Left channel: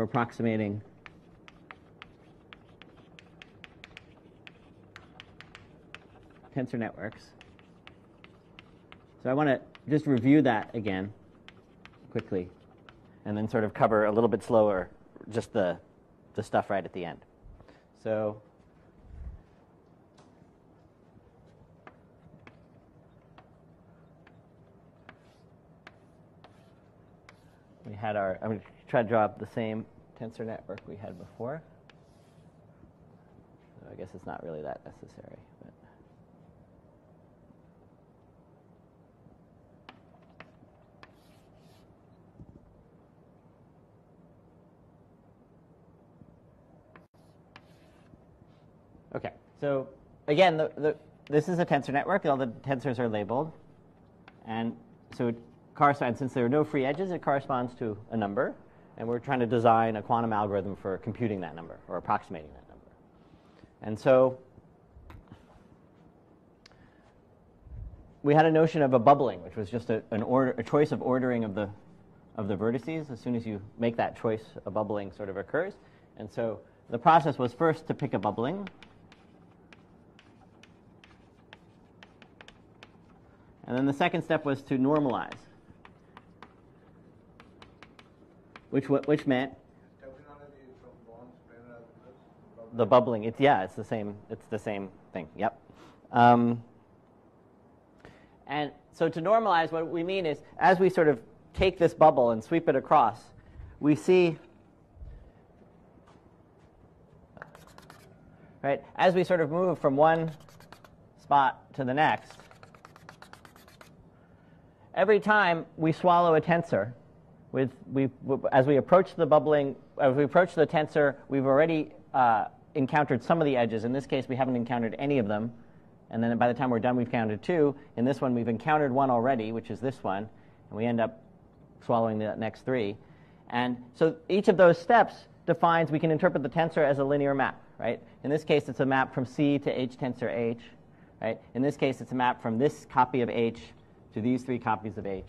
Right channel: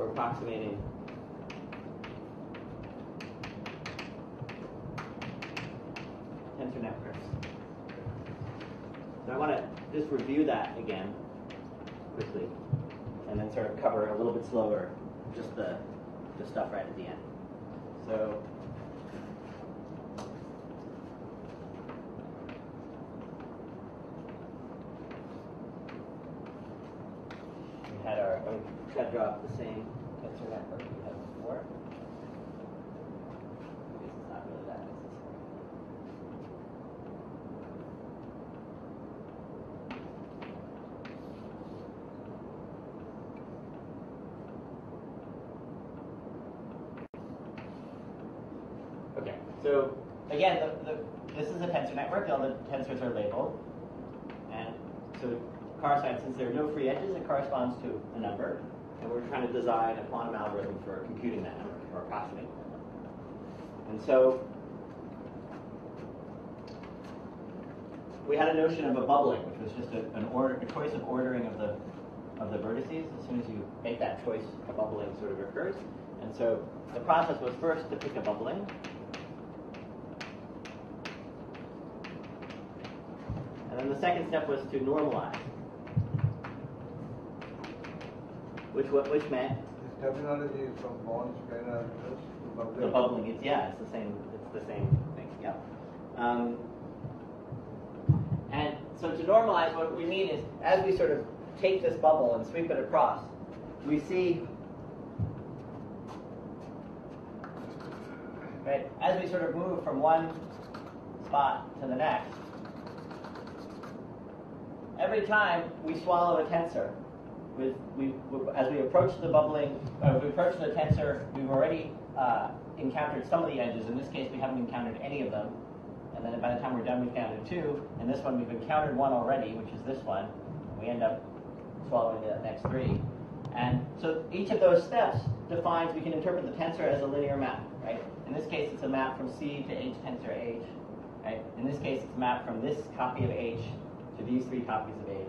for approximating tensor networks. So I want to just review that again quickly, and then sort of cover a little bit slower just the stuff right at the end. So we had our, I'm going to try to draw up the same tensor network we had before. I guess it's not really that necessary. Okay, so again, this is a tensor network. All the tensors are labeled. And so it corresponds, since there are no free edges, it corresponds to a number. And we're trying to design a quantum algorithm for computing that number, or approximating that number. And so we had a notion of a bubbling, which was just a choice of ordering of the vertices. As soon as you make that choice, a bubbling sort of occurs. And so the process was first to pick a bubbling. And then the second step was to normalize, which meant This terminology is from Bond's planar. the bubbling. It's the same. It's the same thing. Yep. And so to normalize, what we mean is, as we sort of take this bubble and sweep it across, we see, right, as we sort of move from one spot to the next, every time we swallow a tensor, as we approach the bubbling, as we approach the tensor, we've already encountered some of the edges. In this case, we haven't encountered any of them. And then by the time we're done, we've counted 2. In this one, we've encountered 1 already, which is this one. And we end up swallowing the next 3. And so each of those steps defines, we can interpret the tensor as a linear map, right? In this case, it's a map from C to H tensor H, right? In this case, it's a map from this copy of H to these 3 copies of H,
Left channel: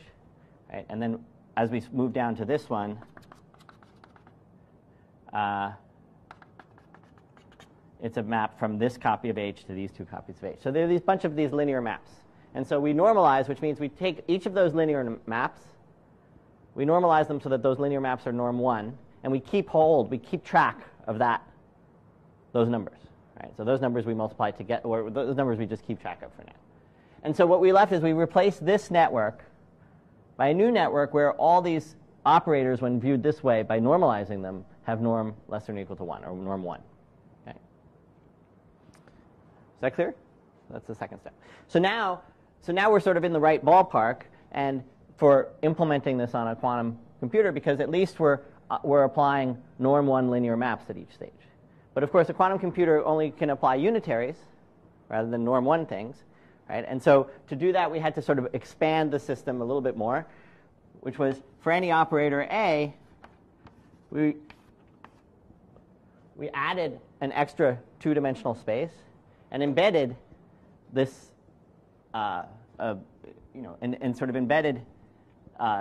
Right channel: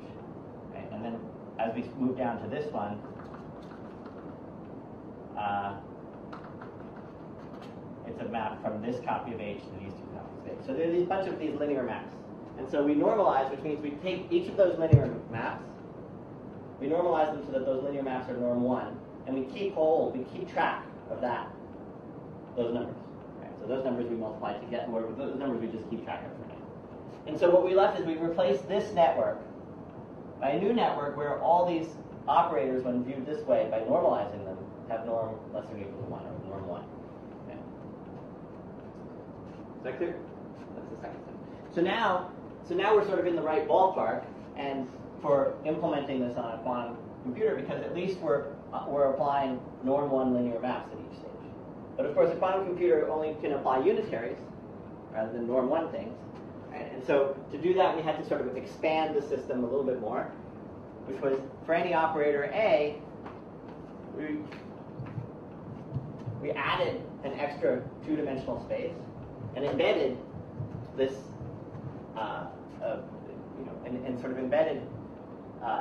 right? And then as we move down to this one, it's a map from this copy of H to these 2 copies of H. So there are these bunch of these linear maps. And so we normalize, which means we take each of those linear maps, we normalize them so that those linear maps are norm 1, and we keep track of those numbers. Right? So those numbers we multiply to get, or those numbers we just keep track of for now. And so what we left is we replaced this network by a new network where all these operators, when viewed this way, by normalizing them, have norm less than or equal to 1, or norm 1. Okay. Is that clear? That's the second step. So now we're sort of in the right ballpark, and for implementing this on a quantum computer, because at least we're applying norm 1 linear maps at each stage. But of course, a quantum computer only can apply unitaries rather than norm 1 things. Right? And so to do that, we had to sort of expand the system a little bit more, which was for any operator A, we added an extra 2-dimensional space and embedded this, and sort of embedded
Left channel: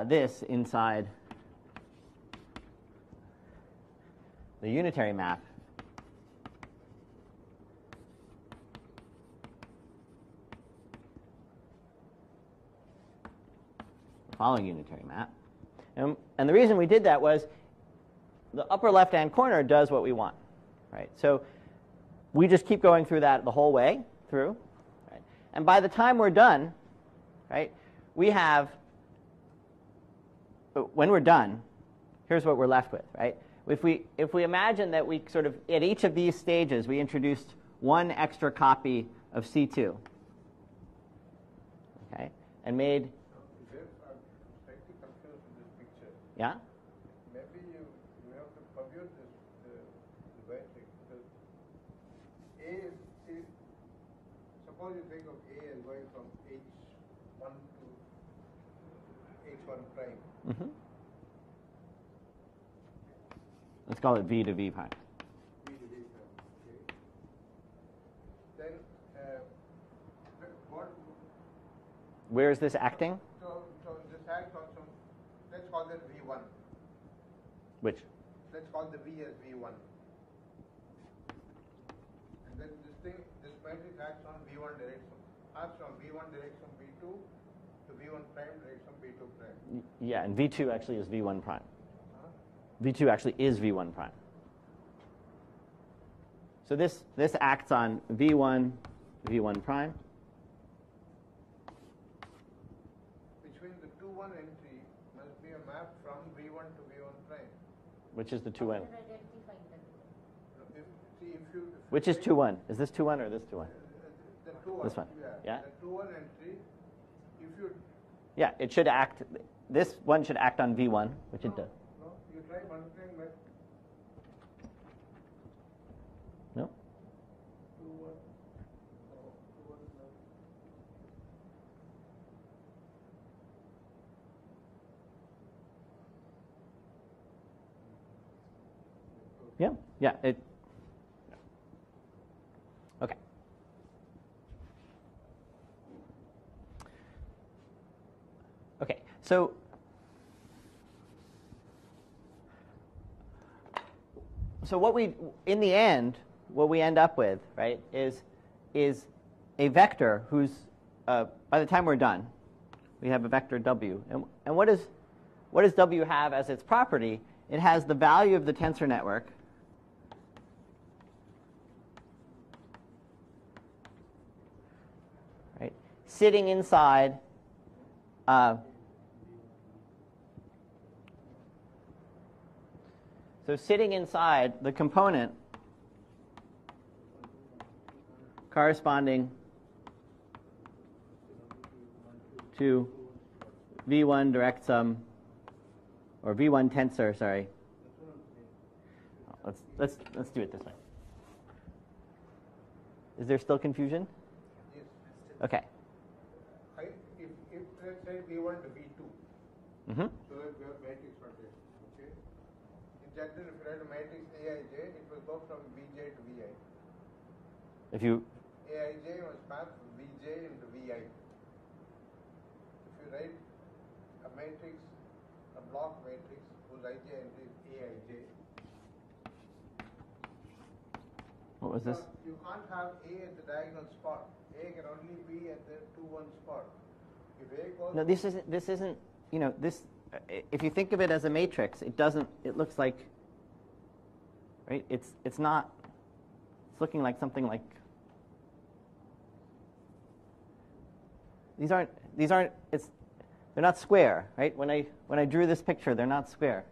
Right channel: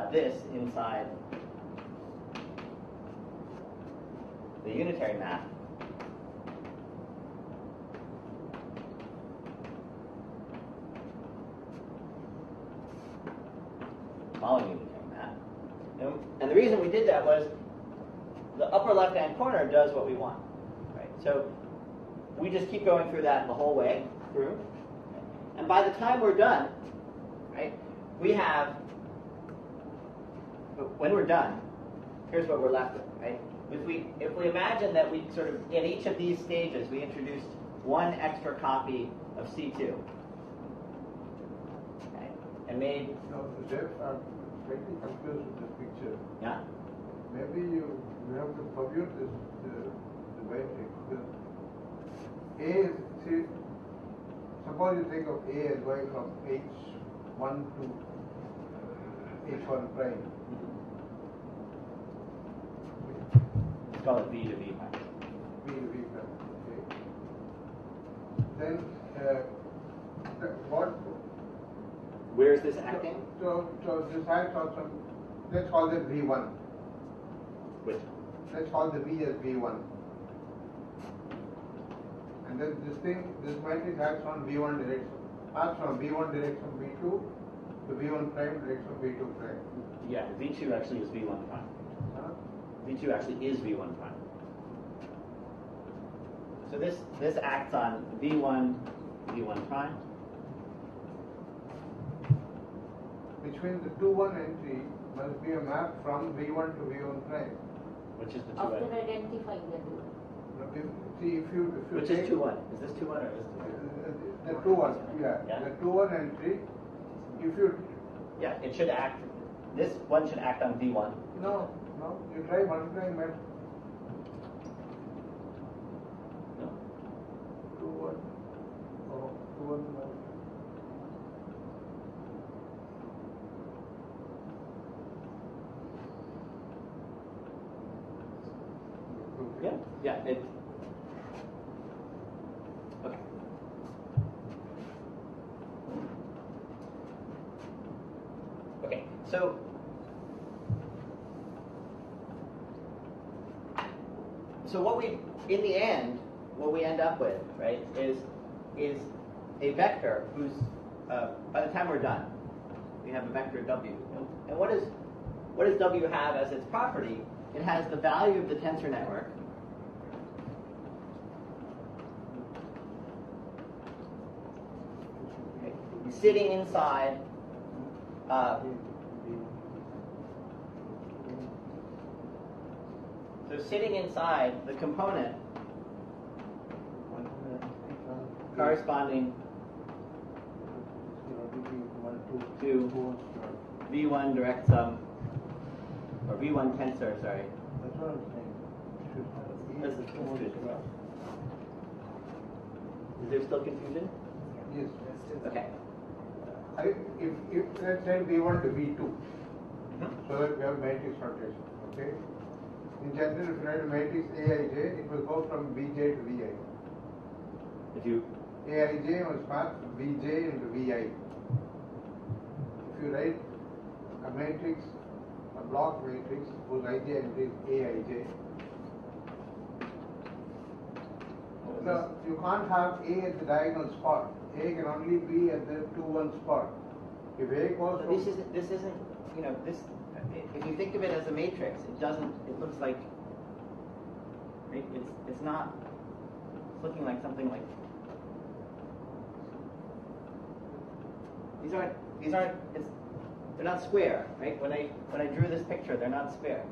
this inside the unitary map. Following unitary map. And the reason we did that was the upper left-hand corner does what we want. Right? So we just keep going through that the whole way through. Right? And by the time we're done, right, we have, when we're done, here's what we're left with. Right? If we imagine that we sort of, at each of these stages, we introduced 1 extra copy of C2. Okay? And made... Jeff, I'm slightly confused with this picture. Yeah. Maybe you have to compute this the right thing. Because A is, see, suppose you think of A as going from H1 to H1 prime. Mm-hmm. Let's call it V to V prime. V to V prime, okay. Then what? Where is this acting? So this acts on some, let's call it V1. Which? let's call the V as V1. And then this matrix acts on V1 direction. Acts from V1 direction V2 to V1 prime direction V2 prime. Yeah, and V2 actually is V1 prime. Huh? V2 actually is V1 prime. So this acts on V1 prime. Which means the 2-1 entry must be a map from V1 to V1 prime. Which is the 2-1? After identifying the two. If you Which is 2-1? Is this 2-1 or this 2-1? The 2-1, yeah. The 2-1 entry, if you... Yeah, it should act, this one should act on V1. No, you try multiplying by... No? 2-1. Oh, 2-1. Yeah, it... Okay. Okay, so what we, in the end, what we end up with, right, is a vector whose, by the time we're done, we have a vector W. And what does W have as its property? It has the value of the tensor network, right, sitting inside so sitting inside the component corresponding to V1 direct sum, or V1 tensor, sorry. That's what I'm saying. Let's do it this way. Is there still confusion? Yes. Okay. If let's say V1 to V2, Mm-hmm. so that we have matrix rotation, okay? In general, if you write a matrix Aij, it will go from Bj to Vi. If you Aij must map Bj into Vi. If you write a matrix, a block matrix whose Ij entry is Aij, what was no, this? you can't have A at the diagonal spot. A can only be at the 2-1 spot. If A goes No, this isn't, you know, this, if you think of it as a matrix, it doesn't, it looks like, right, it's not, it's looking like something like, these aren't, they're not square, right? When I drew this picture, they're not square.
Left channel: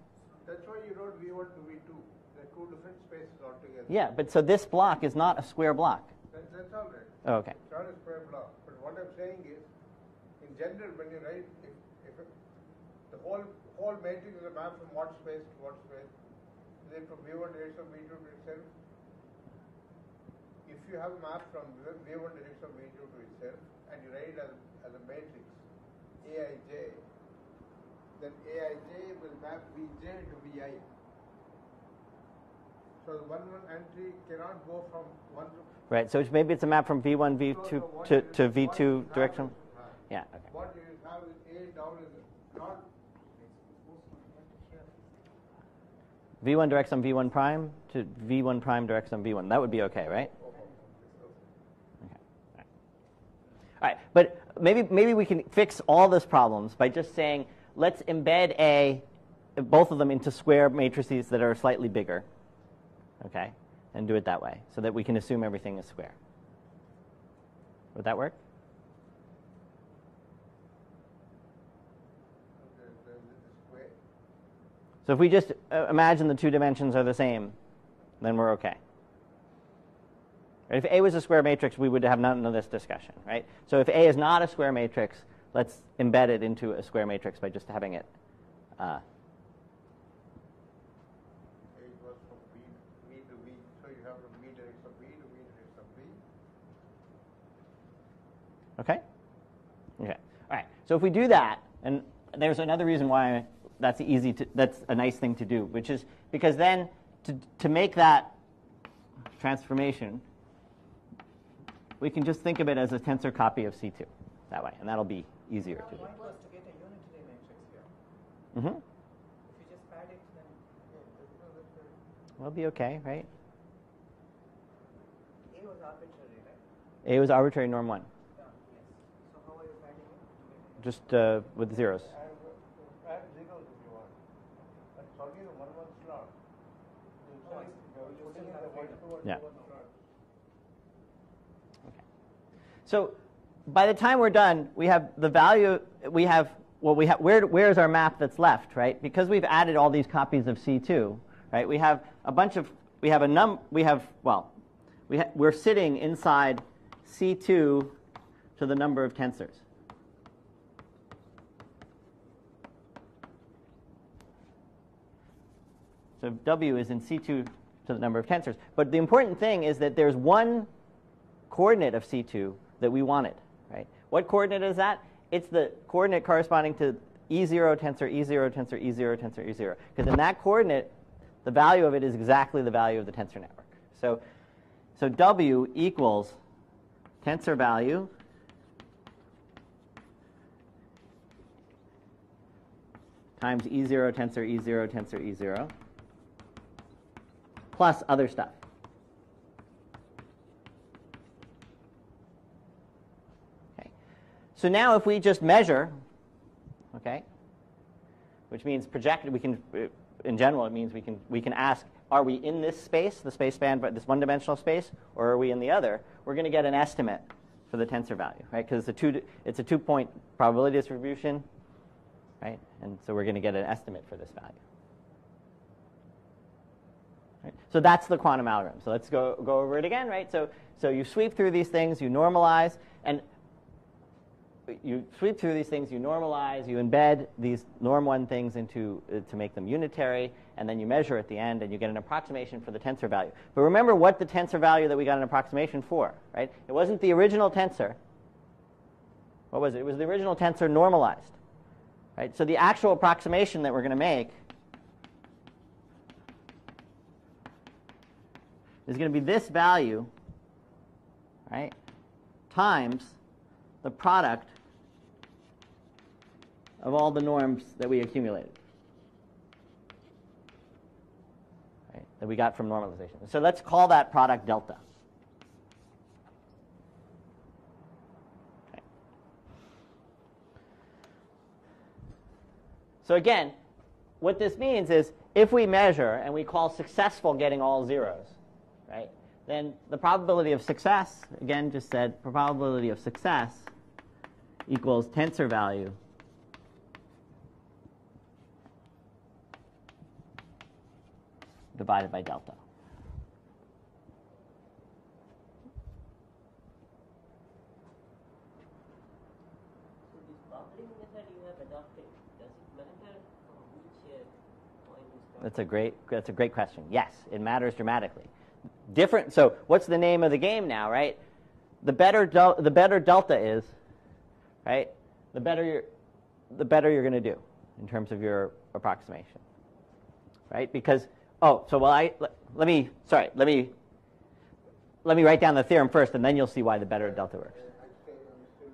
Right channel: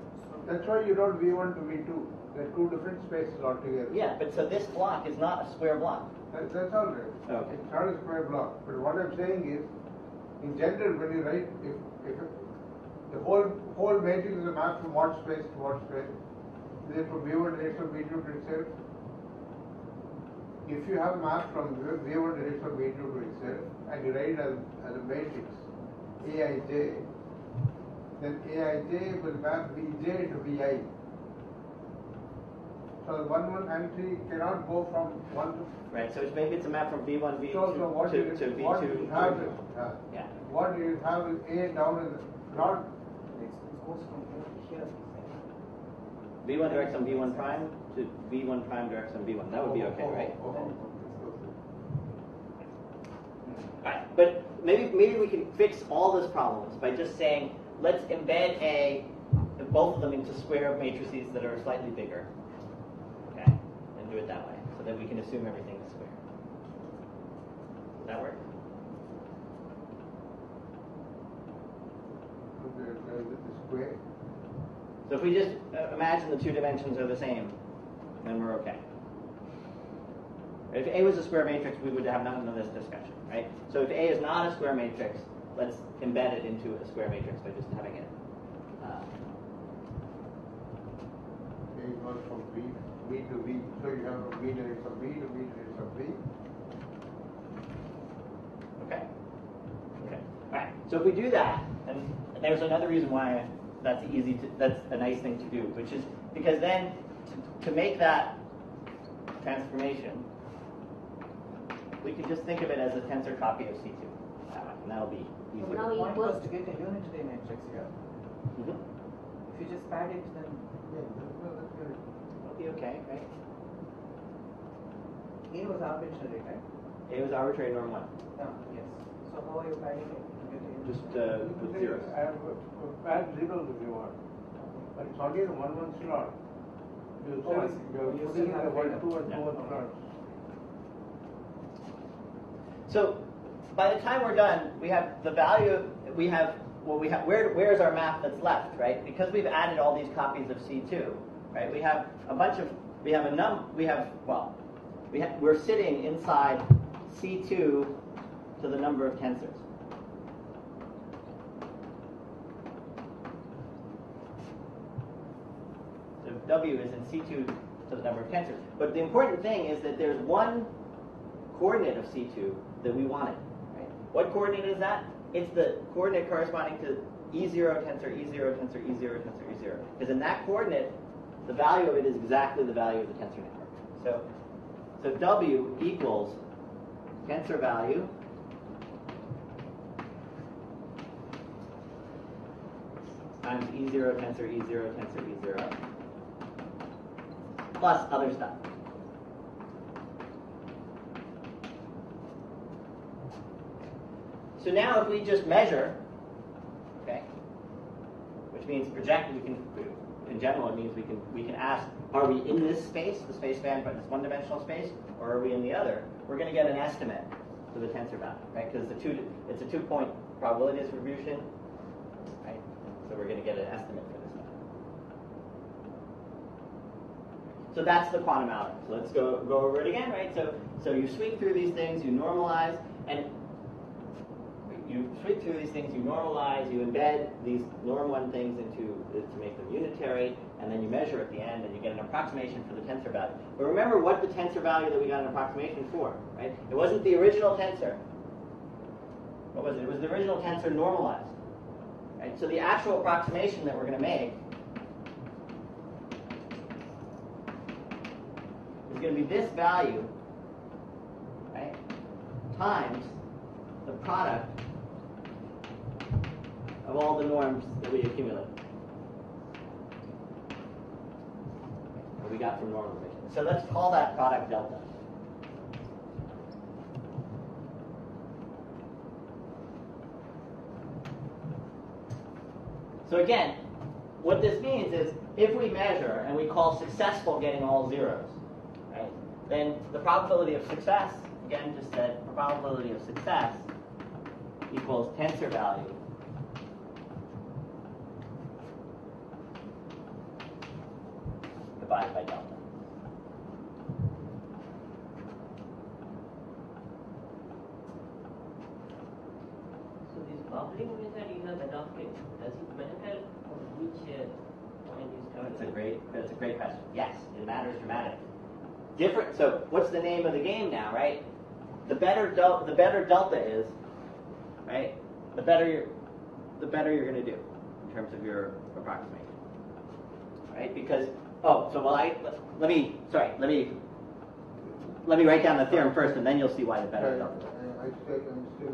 That's why you don't V1 to V2. They're two different spaces altogether. Yeah, but so this block is not a square block. That's all right. Oh, okay. It's not a square block. But what I'm saying is, in general, when you write, if the whole matrix is a map from what space to what space, is it from V1 direction V2 to itself? If you have a map from V1 direction V2 to itself, and you write it as a matrix Aij, then Aij will map Vj to Vi. So the 1-1 entry cannot go from 1 to... Right, so maybe it's a map from V1, V2 to V2 direction. Yeah. What you have is A down is not... V1 directs on V1 prime to V1 prime directs on V1. That would be okay, right? All right, but maybe we can fix all those problems by just saying, let's embed both of them into square matrices that are slightly bigger, okay, and do it that way, so that we can assume everything is square. Would that work? Square. So if we just imagine the two dimensions are the same, then we're okay. If A was a square matrix, we would have none of this discussion, right? So if A is not a square matrix, let's embed it into a square matrix by just having it. A goes from V to V. So you have from V direction of V to V direction of V. Okay? Okay. All right. So if we do that, and there's another reason why that's a nice thing to do, which is because then to make that transformation, we can just think of it as a tensor copy of C2 that way, and that'll be easier. Now The point equals was to get a unitary matrix here. Mm-hmm. If you just pad it, then It'll be okay, right? A was arbitrary, right? A was arbitrary norm 1. Yeah, yes. So how are you finding it? Just with zeros. Add zeros if you want. But it's only the 1 1 slot. You're putting in the 1 2 and 2 1 slots. So by the time we're done, we have the value, where's our map that's left, right? Because we've added all these copies of C2, right? We're sitting inside C2 to the number of tensors. So W is in C2 to the number of tensors. But the important thing is that there's one coordinate of C2 that we wanted, right? What coordinate is that? It's the coordinate corresponding to E0 tensor, E0 tensor, E0 tensor, E0. Because in that coordinate, the value of it is exactly the value of the tensor network. So W equals tensor value times E0 tensor, E0 tensor, E0, plus other stuff. Okay. So now if we just measure, okay, which means project, we can, in general, it means we can ask, are we in this space, the space span, but this one-dimensional space, or are we in the other? We're going to get an estimate for the tensor value, right? Because it's a two-point probability distribution, right? And so we're going to get an estimate for this value. Right? So that's the quantum algorithm. So let's go over it again, right? So you sweep through these things, you normalize, and you embed these norm 1 things into to make them unitary, and then you measure at the end, and you get an approximation for the tensor value. But remember what the tensor value that we got an approximation for, right? It wasn't the original tensor. What was it? It was the original tensor normalized, right? So the actual approximation that we're going to make is going to be this value, right, times the product of all the norms that we accumulate, right, that we got from normalization. So let's call that product delta. Okay. So again, what this means is if we measure and we call successful getting all zeros, right, then the probability of success, again just said probability of success equals tensor value divided by delta. So this bubbling method you have adopted, does it matter on which point you start? That's a great question. Yes, it matters dramatically. Different. So what's the name of the game now, right? The better delta is, right? The better you're going to do in terms of your approximation, right? Because let me write down the theorem first, and then you'll see why the better delta works. I'm still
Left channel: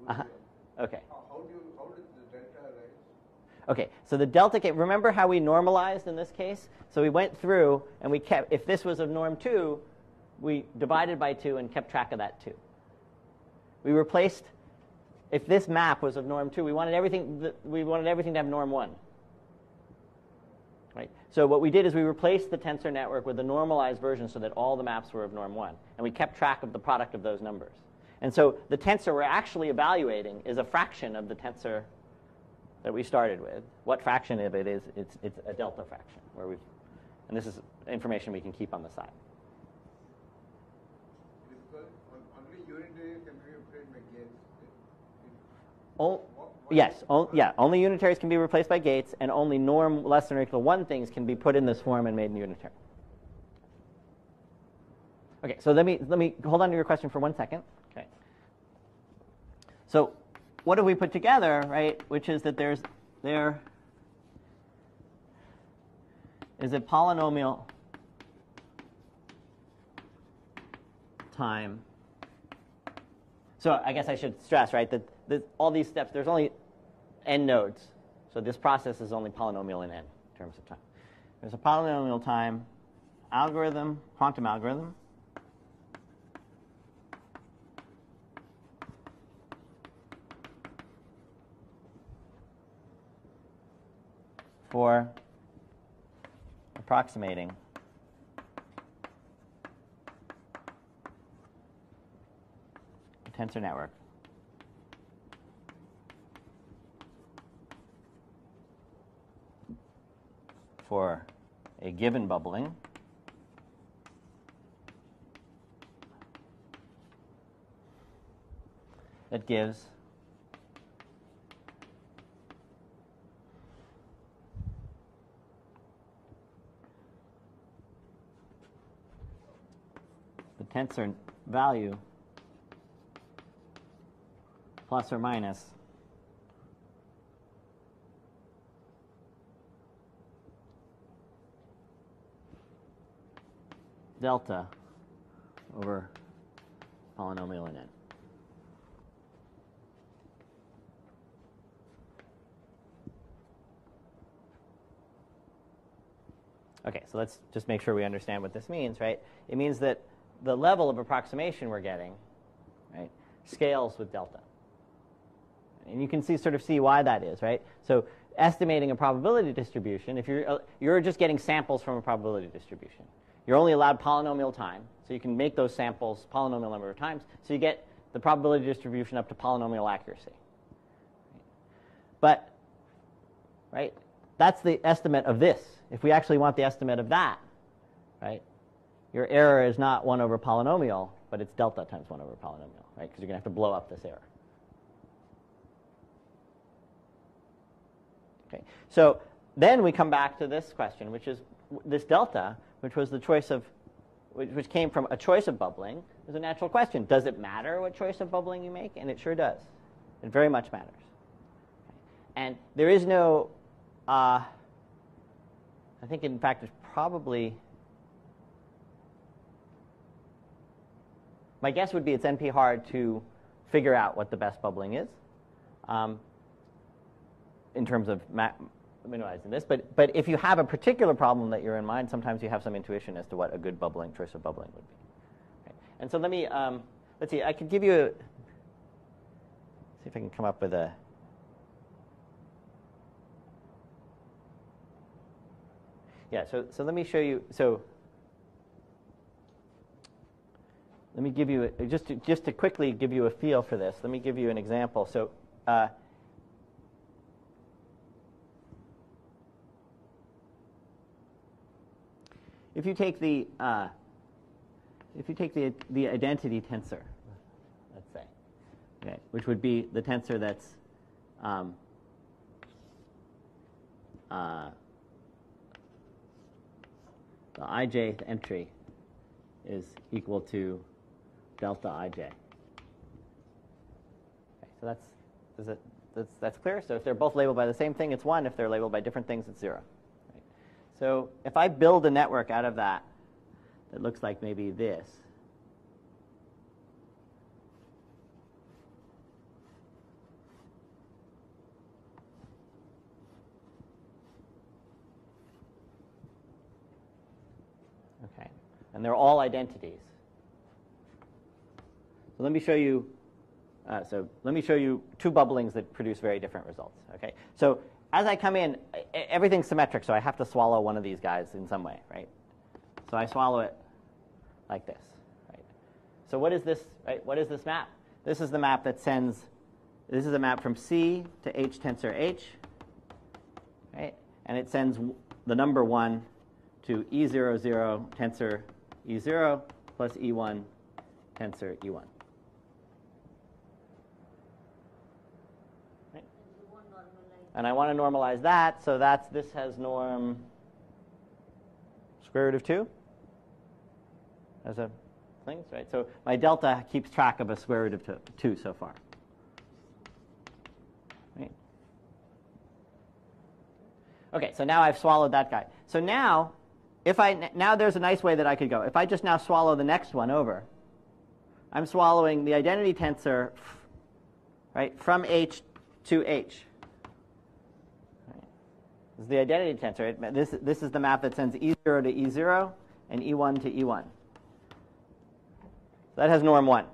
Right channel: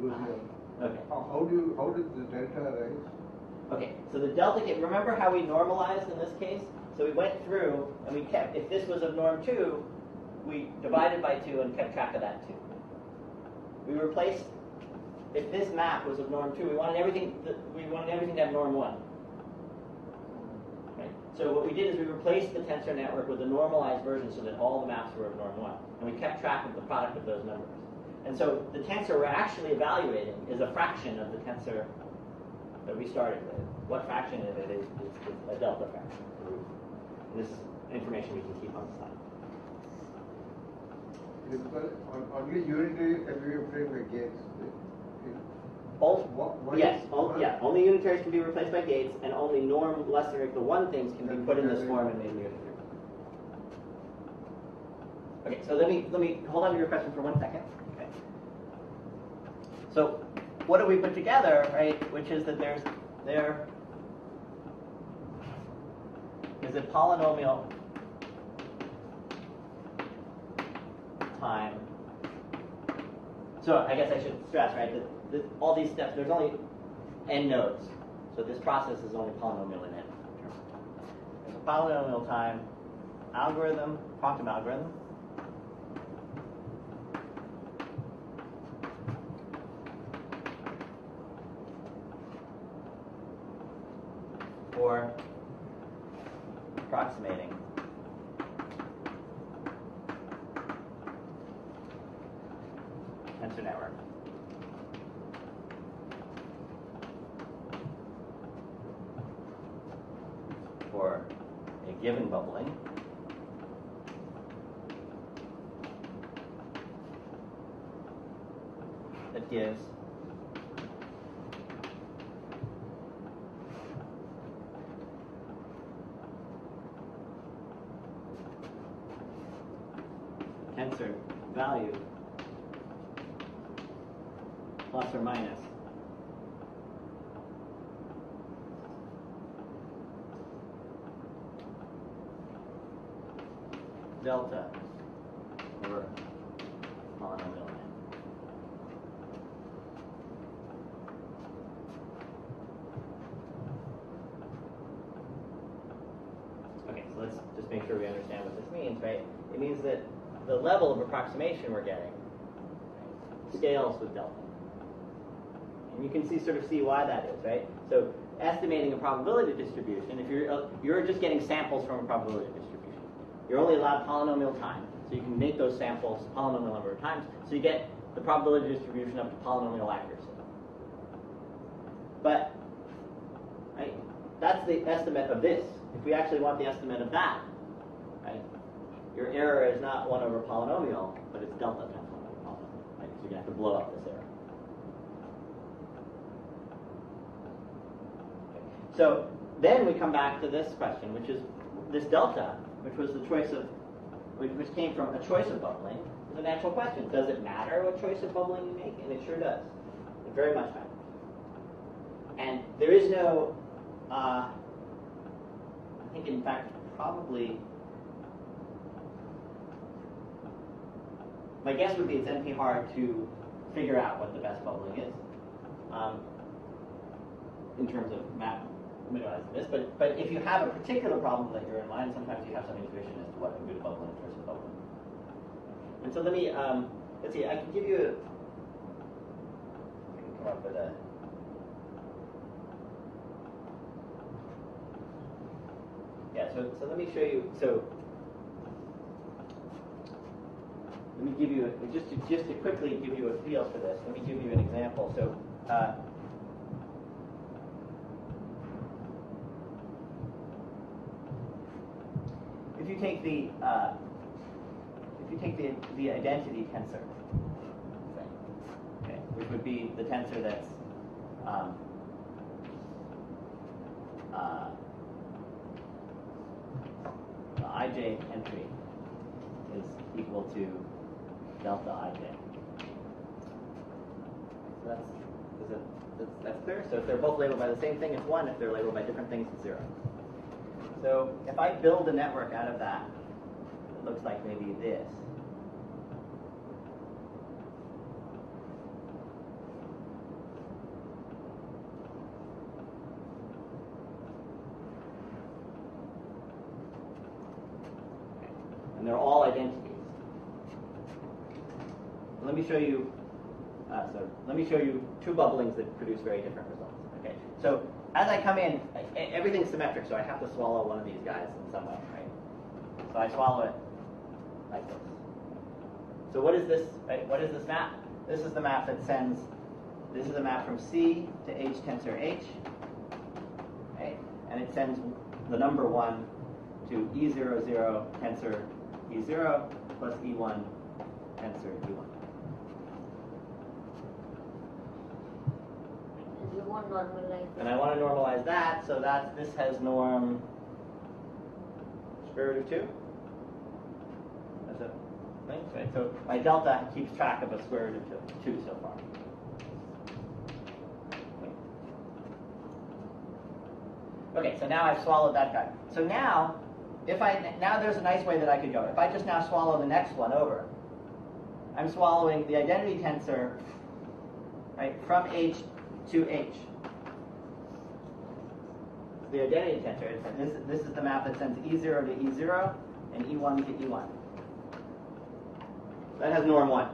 losing. Okay. How did the delta arise? Okay, so the delta came, remember how we normalized in this case? So we went through and we kept, if this was of norm 2, we divided by 2 and kept track of that 2. We replaced, if this map was of norm 2, we wanted everything to have norm 1. Right? So what we did is we replaced the tensor network with a normalized version so that all the maps were of norm 1. And we kept track of the product of those numbers. And so the tensor we're actually evaluating is a fraction of the tensor that we started with. What fraction of it is? It's a delta fraction. And this is information we can keep on the side. Only unitaries can be replaced by gates. Only unitaries can be replaced by gates, and only norm less than or equal to 1 things can be put in this form and made unitary. Okay, so let me hold on to your question for 1 second. Okay. So what have we put together, right? Which is that there is a polynomial time. So I guess I should stress, right, that all these steps, there's only n nodes. So this process is only polynomial in n terms of time. There's a polynomial time algorithm, quantum algorithm, for approximating tensor network. For a given bubbling that gives the tensor value plus or minus delta over polynomial in it. Okay, so let's just make sure we understand what this means, right? It means that the level of approximation we're getting, right, scales with delta. And you can sort of see why that is, right? So estimating a probability distribution, if you're just getting samples from a probability distribution. You're only allowed polynomial time, so you can make those samples polynomial number of times, so you get the probability distribution up to polynomial accuracy. But, right, that's the estimate of this. If we actually want the estimate of that, right, your error is not 1 over polynomial, but it's delta times 1 over polynomial, right, because you're going to have to blow up this error. Okay, so then we come back to this question, which is this delta, which was the choice of, which came from a choice of bubbling, is a natural question. Does it matter what choice of bubbling you make? And it sure does. It very much matters. And there is no, I think in fact there's probably, my guess would be it's NP hard to figure out what the best bubbling is in terms of minimizing this, but if you have a particular problem that you're in mind, sometimes you have some intuition as to what a good bubbling choice of bubbling. Okay. And so let me let's see. I can give you see if I can come up with a. Yeah. So let me show you. So let me give you just to quickly give you a feel for this. Let me give you an example. So. If you take the identity tensor, let's say, okay, which would be the tensor that's the ijth entry is equal to delta ij. So that's clear. So if they're both labeled by the same thing, it's 1. If they're labeled by different things, it's 0. So if I build a network out of that, it looks like maybe this. Okay. And they're all identities. Let me show you. Let me show you 2 bubblings that produce very different results. Okay. So as I come in, everything's symmetric, so I have to swallow one of these guys in some way, right? So I swallow it like this. Right? So what is this? Right? What is this map? This is the map that sends. This is a map from C to H tensor H, right? And it sends the number 1 to E00 tensor E0 plus E1 tensor E1. And I want to normalize that, so this has norm square root of 2 as a thing, right? So my delta keeps track of a square root of 2 so far. Okay, so now I've swallowed that guy. So now, now there's a nice way that I could go. If I just now swallow the next one over, I'm swallowing the identity tensor, right, from H to H. This is the identity tensor. This is the map that sends E0 to E0 and E1 to E1. That has norm 1.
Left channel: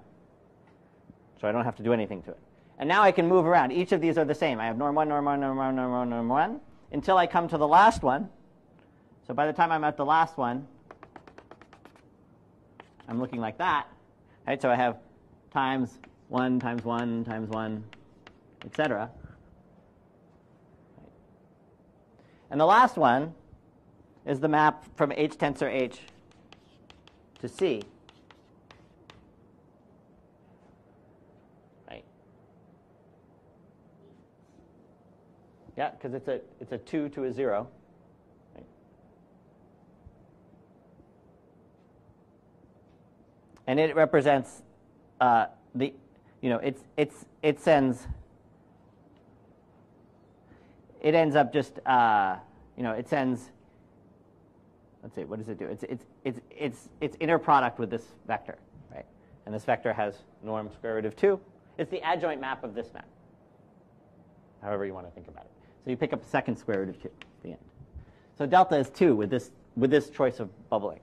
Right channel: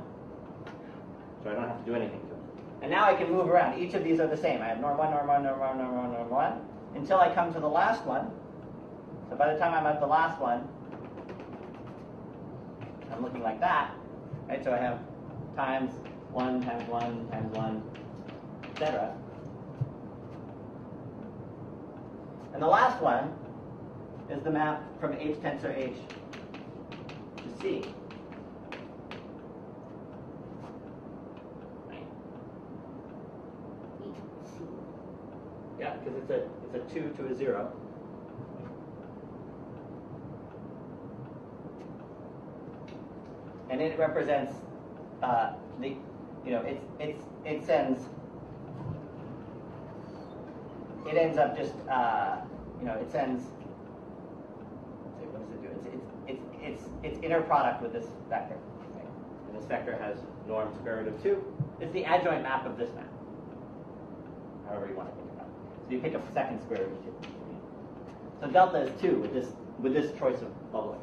So I don't have to do anything to it. And now I can move around. Each of these are the same. I have norm 1, norm 1, norm 1, norm 1, norm 1, until I come to the last one. So by the time I'm at the last one, I'm looking like that. Right? So I have times 1 times 1 times 1, etc. And the last one is the map from H tensor H to C. Right? Yeah, because it's a 2 to a 0. And it represents it ends up just it sends. Let's see, what does it do? It's inner product with this vector, right? And this vector has norm square root of 2. It's the adjoint map of this map. However you want to think about it. So you pick up the second square root of 2. Yeah. So delta is 2 with this choice of bubbling.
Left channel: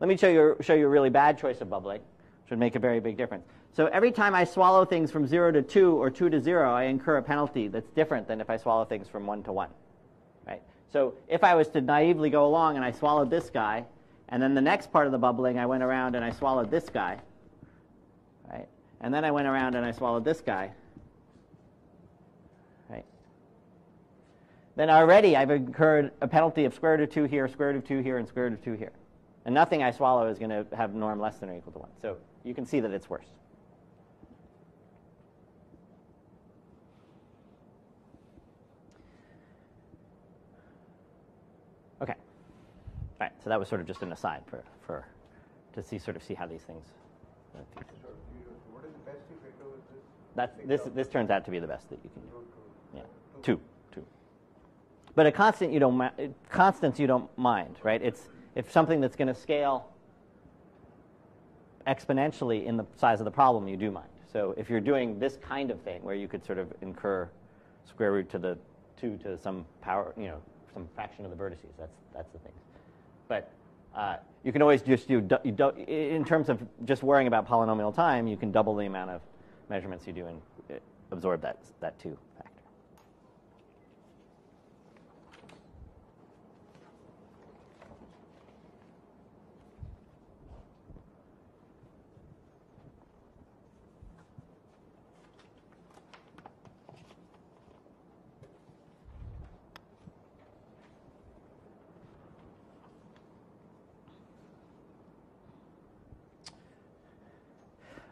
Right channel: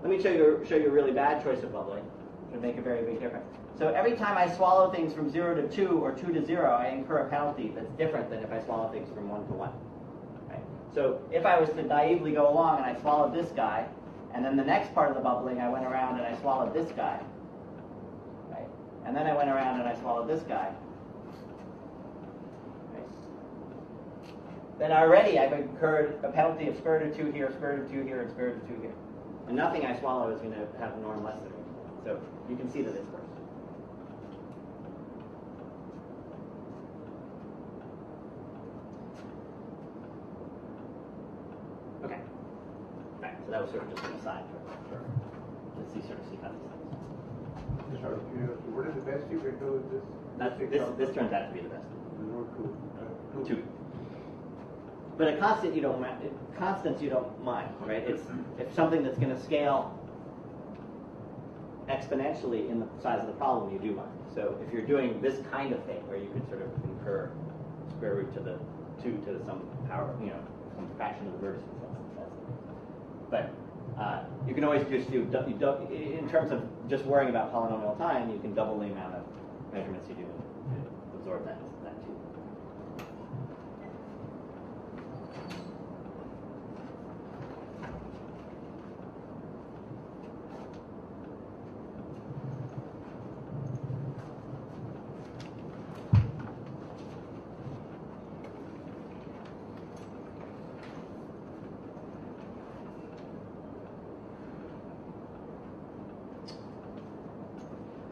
Let me show you a really bad choice of bubbling, which would make a very big difference. So every time I swallow things from 0 to 2 or 2 to 0, I incur a penalty that's different than if I swallow things from 1 to 1. Right? So if I was to naively go along and I swallowed this guy, and then the next part of the bubbling I went around and I swallowed this guy, right? And then I went around and I swallowed this guy, right? Then already I've incurred a penalty of square root of 2 here, square root of 2 here, and square root of 2 here. And nothing I swallow is going to have norm less than or equal to 1. So you can see that it's worse. Okay. All right. So that was sort of just an aside to see how these things. Just out of curiosity, what is the best you can do with this? This turns out to be the best that you can do. Two. Two. But a constant constants you don't mind, right? It's if something that's going to scale exponentially in the size of the problem, you do mind. So if you're doing this kind of thing where you could sort of incur square root to the 2 to some power, some fraction of the vertices, that's the thing. But you can always just in terms of just worrying about polynomial time, you can double the amount of measurements you do and absorb that 2.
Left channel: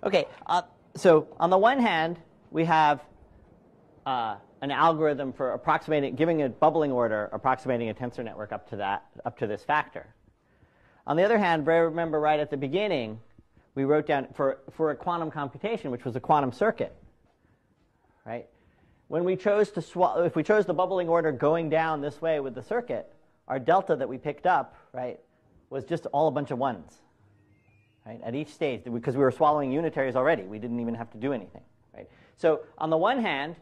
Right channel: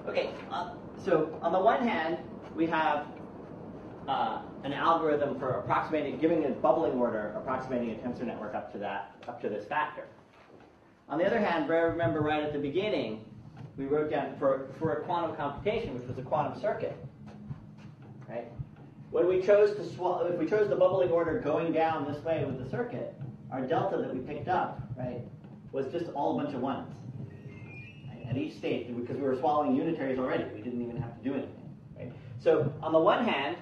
Okay, so on the one hand, we have an algorithm for approximating, giving a bubbling order, approximating a tensor network up to this factor. On the other hand, remember right at the beginning, we wrote down for a quantum computation, which was a quantum circuit, right? When we chose if we chose the bubbling order going down this way with the circuit, our delta that we picked up, right, was just all a bunch of 1s. Right, at each stage, because we were swallowing unitaries already. We didn't even have to do anything. Right? So on the one hand,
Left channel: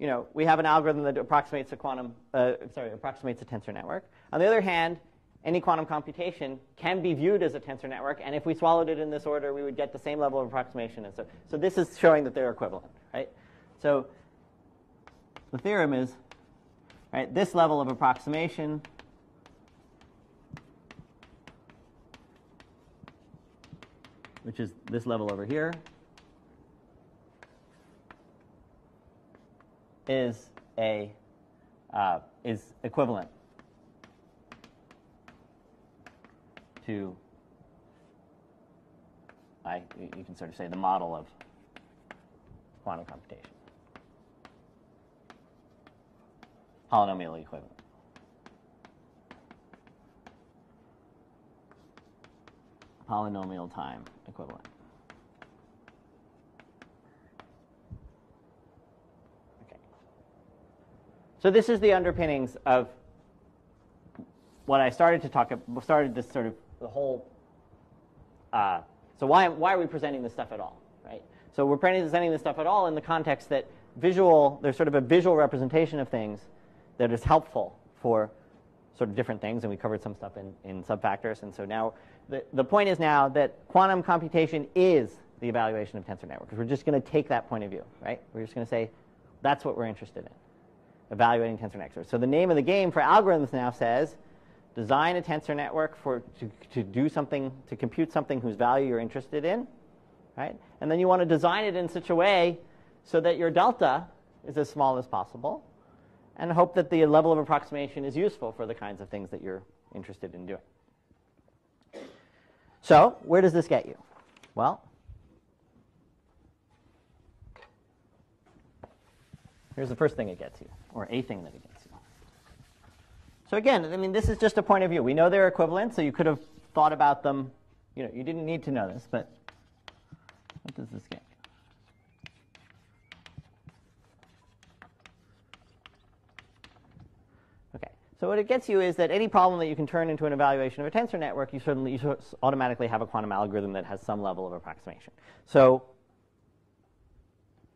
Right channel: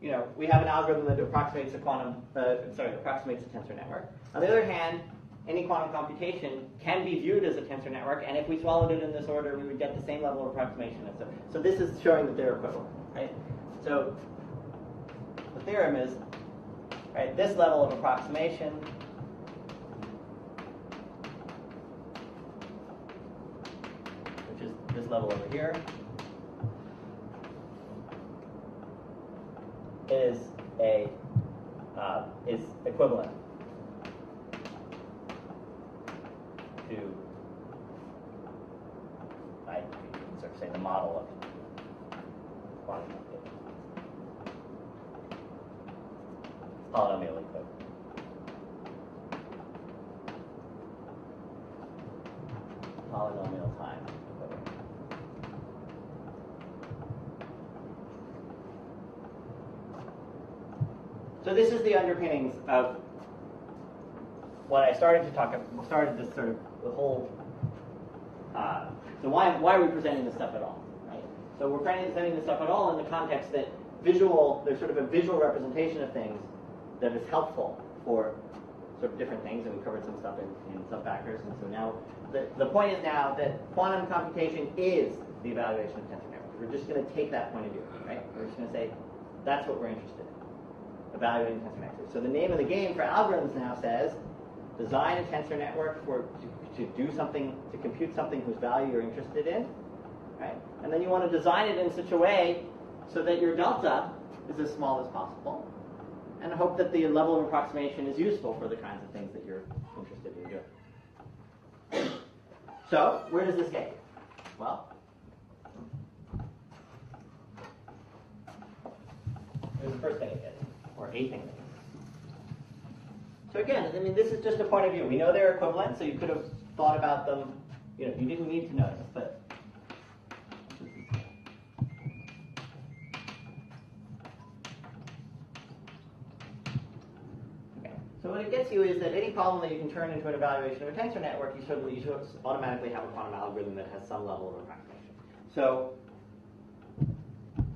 we have an algorithm that approximates approximates a tensor network. On the other hand, any quantum computation can be viewed as a tensor network, and if we swallowed it in this order, we would get the same level of approximation. So this is showing that they're equivalent. Right? So the theorem is, right, this level of approximation which is this level over here, is equivalent to you can sort of say the model of quantum computation, polynomial equivalent. Polynomial time equivalent. So this is the underpinnings of what I started this sort of the whole. So why are we presenting this stuff at all, right? So we're presenting this stuff at all in the context that there's sort of a visual representation of things that is helpful for sort of different things, and we covered some stuff in subfactors. And so now the point is now that quantum computation is the evaluation of tensor networks. We're just going to take that point of view, right? We're just going to say that's what we're interested in, evaluating tensor networks. So the name of the game for algorithms now says design a tensor network to do something, to compute something whose value you're interested in, right? And then you want to design it in such a way so that your delta is as small as possible, and hope that the level of approximation is useful for the kinds of things that you're interested in doing. So where does this get you? Well, here's the first thing it gets you, or a thing that it gets you. So again, I mean, this is just a point of view. We know they're equivalent, so you could have thought about them. You know, you didn't need to know this, but what does this get? Okay, so what it gets you is that any problem that you can turn into an evaluation of a tensor network, you automatically have a quantum algorithm that has some level of approximation. So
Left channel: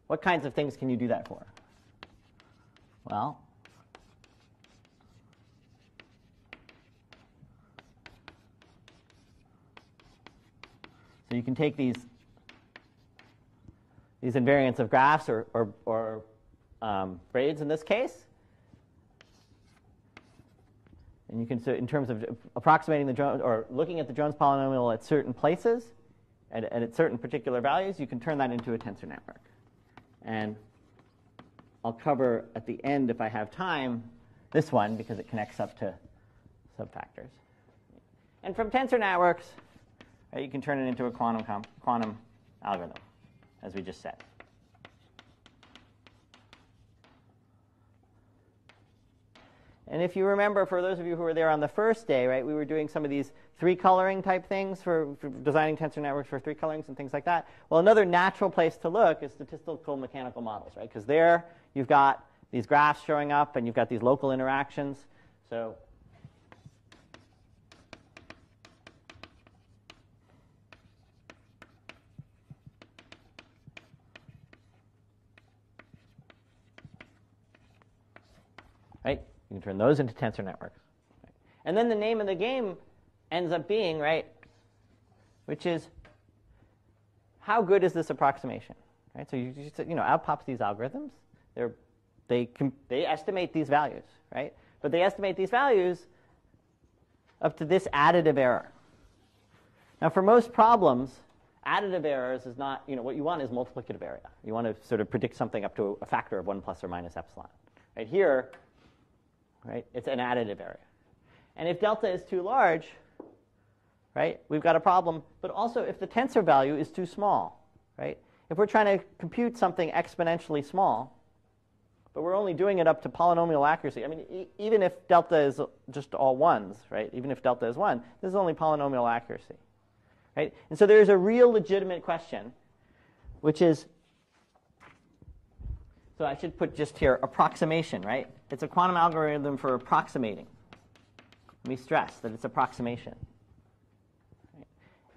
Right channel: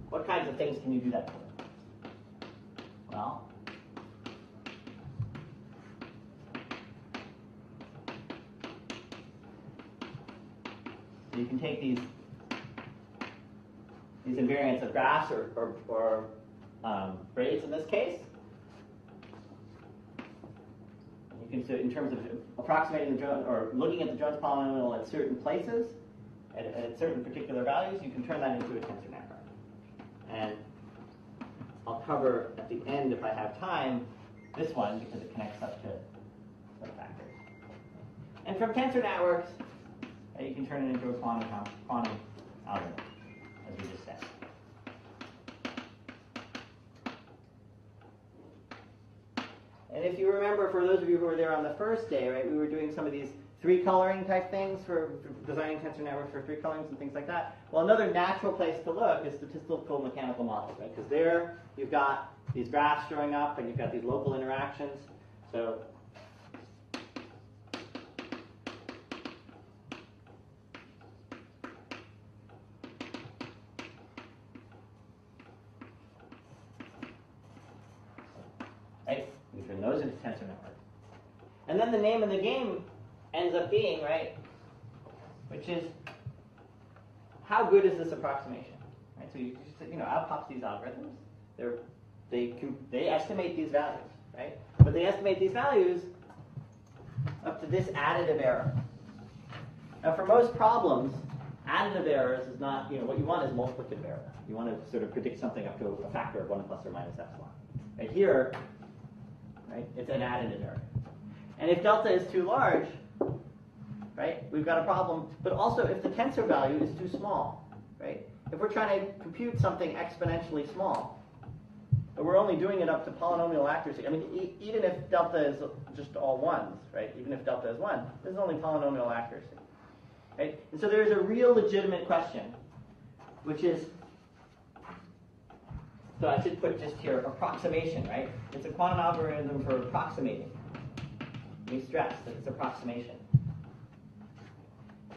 what kinds of things can you do that for? Well, so you can take these invariants of graphs or braids in this case, and you can, so in terms of approximating the Jones, or looking at the Jones polynomial at certain places and at certain particular values, you can turn that into a tensor network. And I'll cover at the end, if I have time, this one because it connects up to subfactors. And from tensor networks, you can turn it into a quantum algorithm, as we just said. And if you remember, for those of you who were there on the first day, right, we were doing some of these three-coloring type things for designing tensor networks for three colorings and things like that. Well, another natural place to look is statistical mechanical models, right? Because there you've got these graphs showing up, and you've got these local interactions. So right, you can turn those into tensor networks. And then the name of the game ends up being, right, which is how good is this approximation, right? So you know, out pops these algorithms. They estimate these values, right? But they estimate these values up to this additive error. Now, for most problems, additive errors is not, you know, what you want is multiplicative error. You want to sort of predict something up to a factor of 1 plus or minus epsilon. Right here, right, it's an additive error. And if delta is too large, right, we've got a problem. But also, if the tensor value is too small, right? If we're trying to compute something exponentially small, but we're only doing it up to polynomial accuracy. I mean, even if delta is just all ones, right? Even if delta is 1, this is only polynomial accuracy, right? And so there's a real legitimate question, which is, so I should put just here, approximation, right? It's a quantum algorithm for approximating. We stress that it's approximation.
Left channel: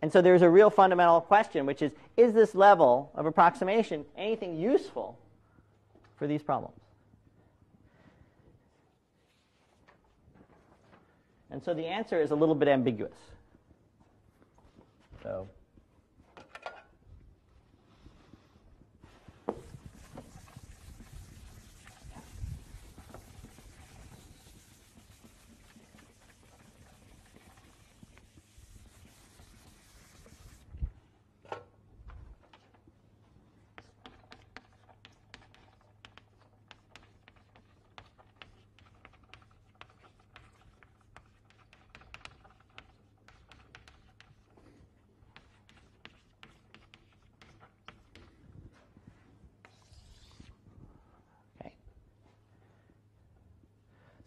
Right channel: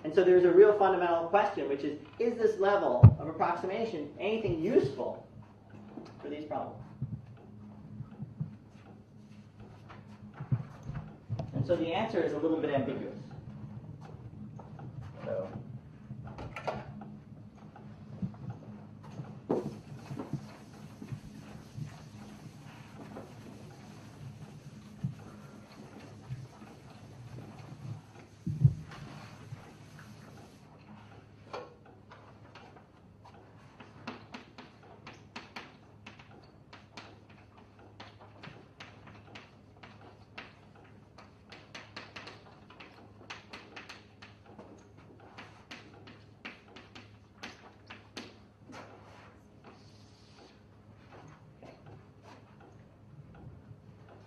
And so there's a real fundamental question, which is this level of approximation anything useful for these problems? And so the answer is a little bit ambiguous. So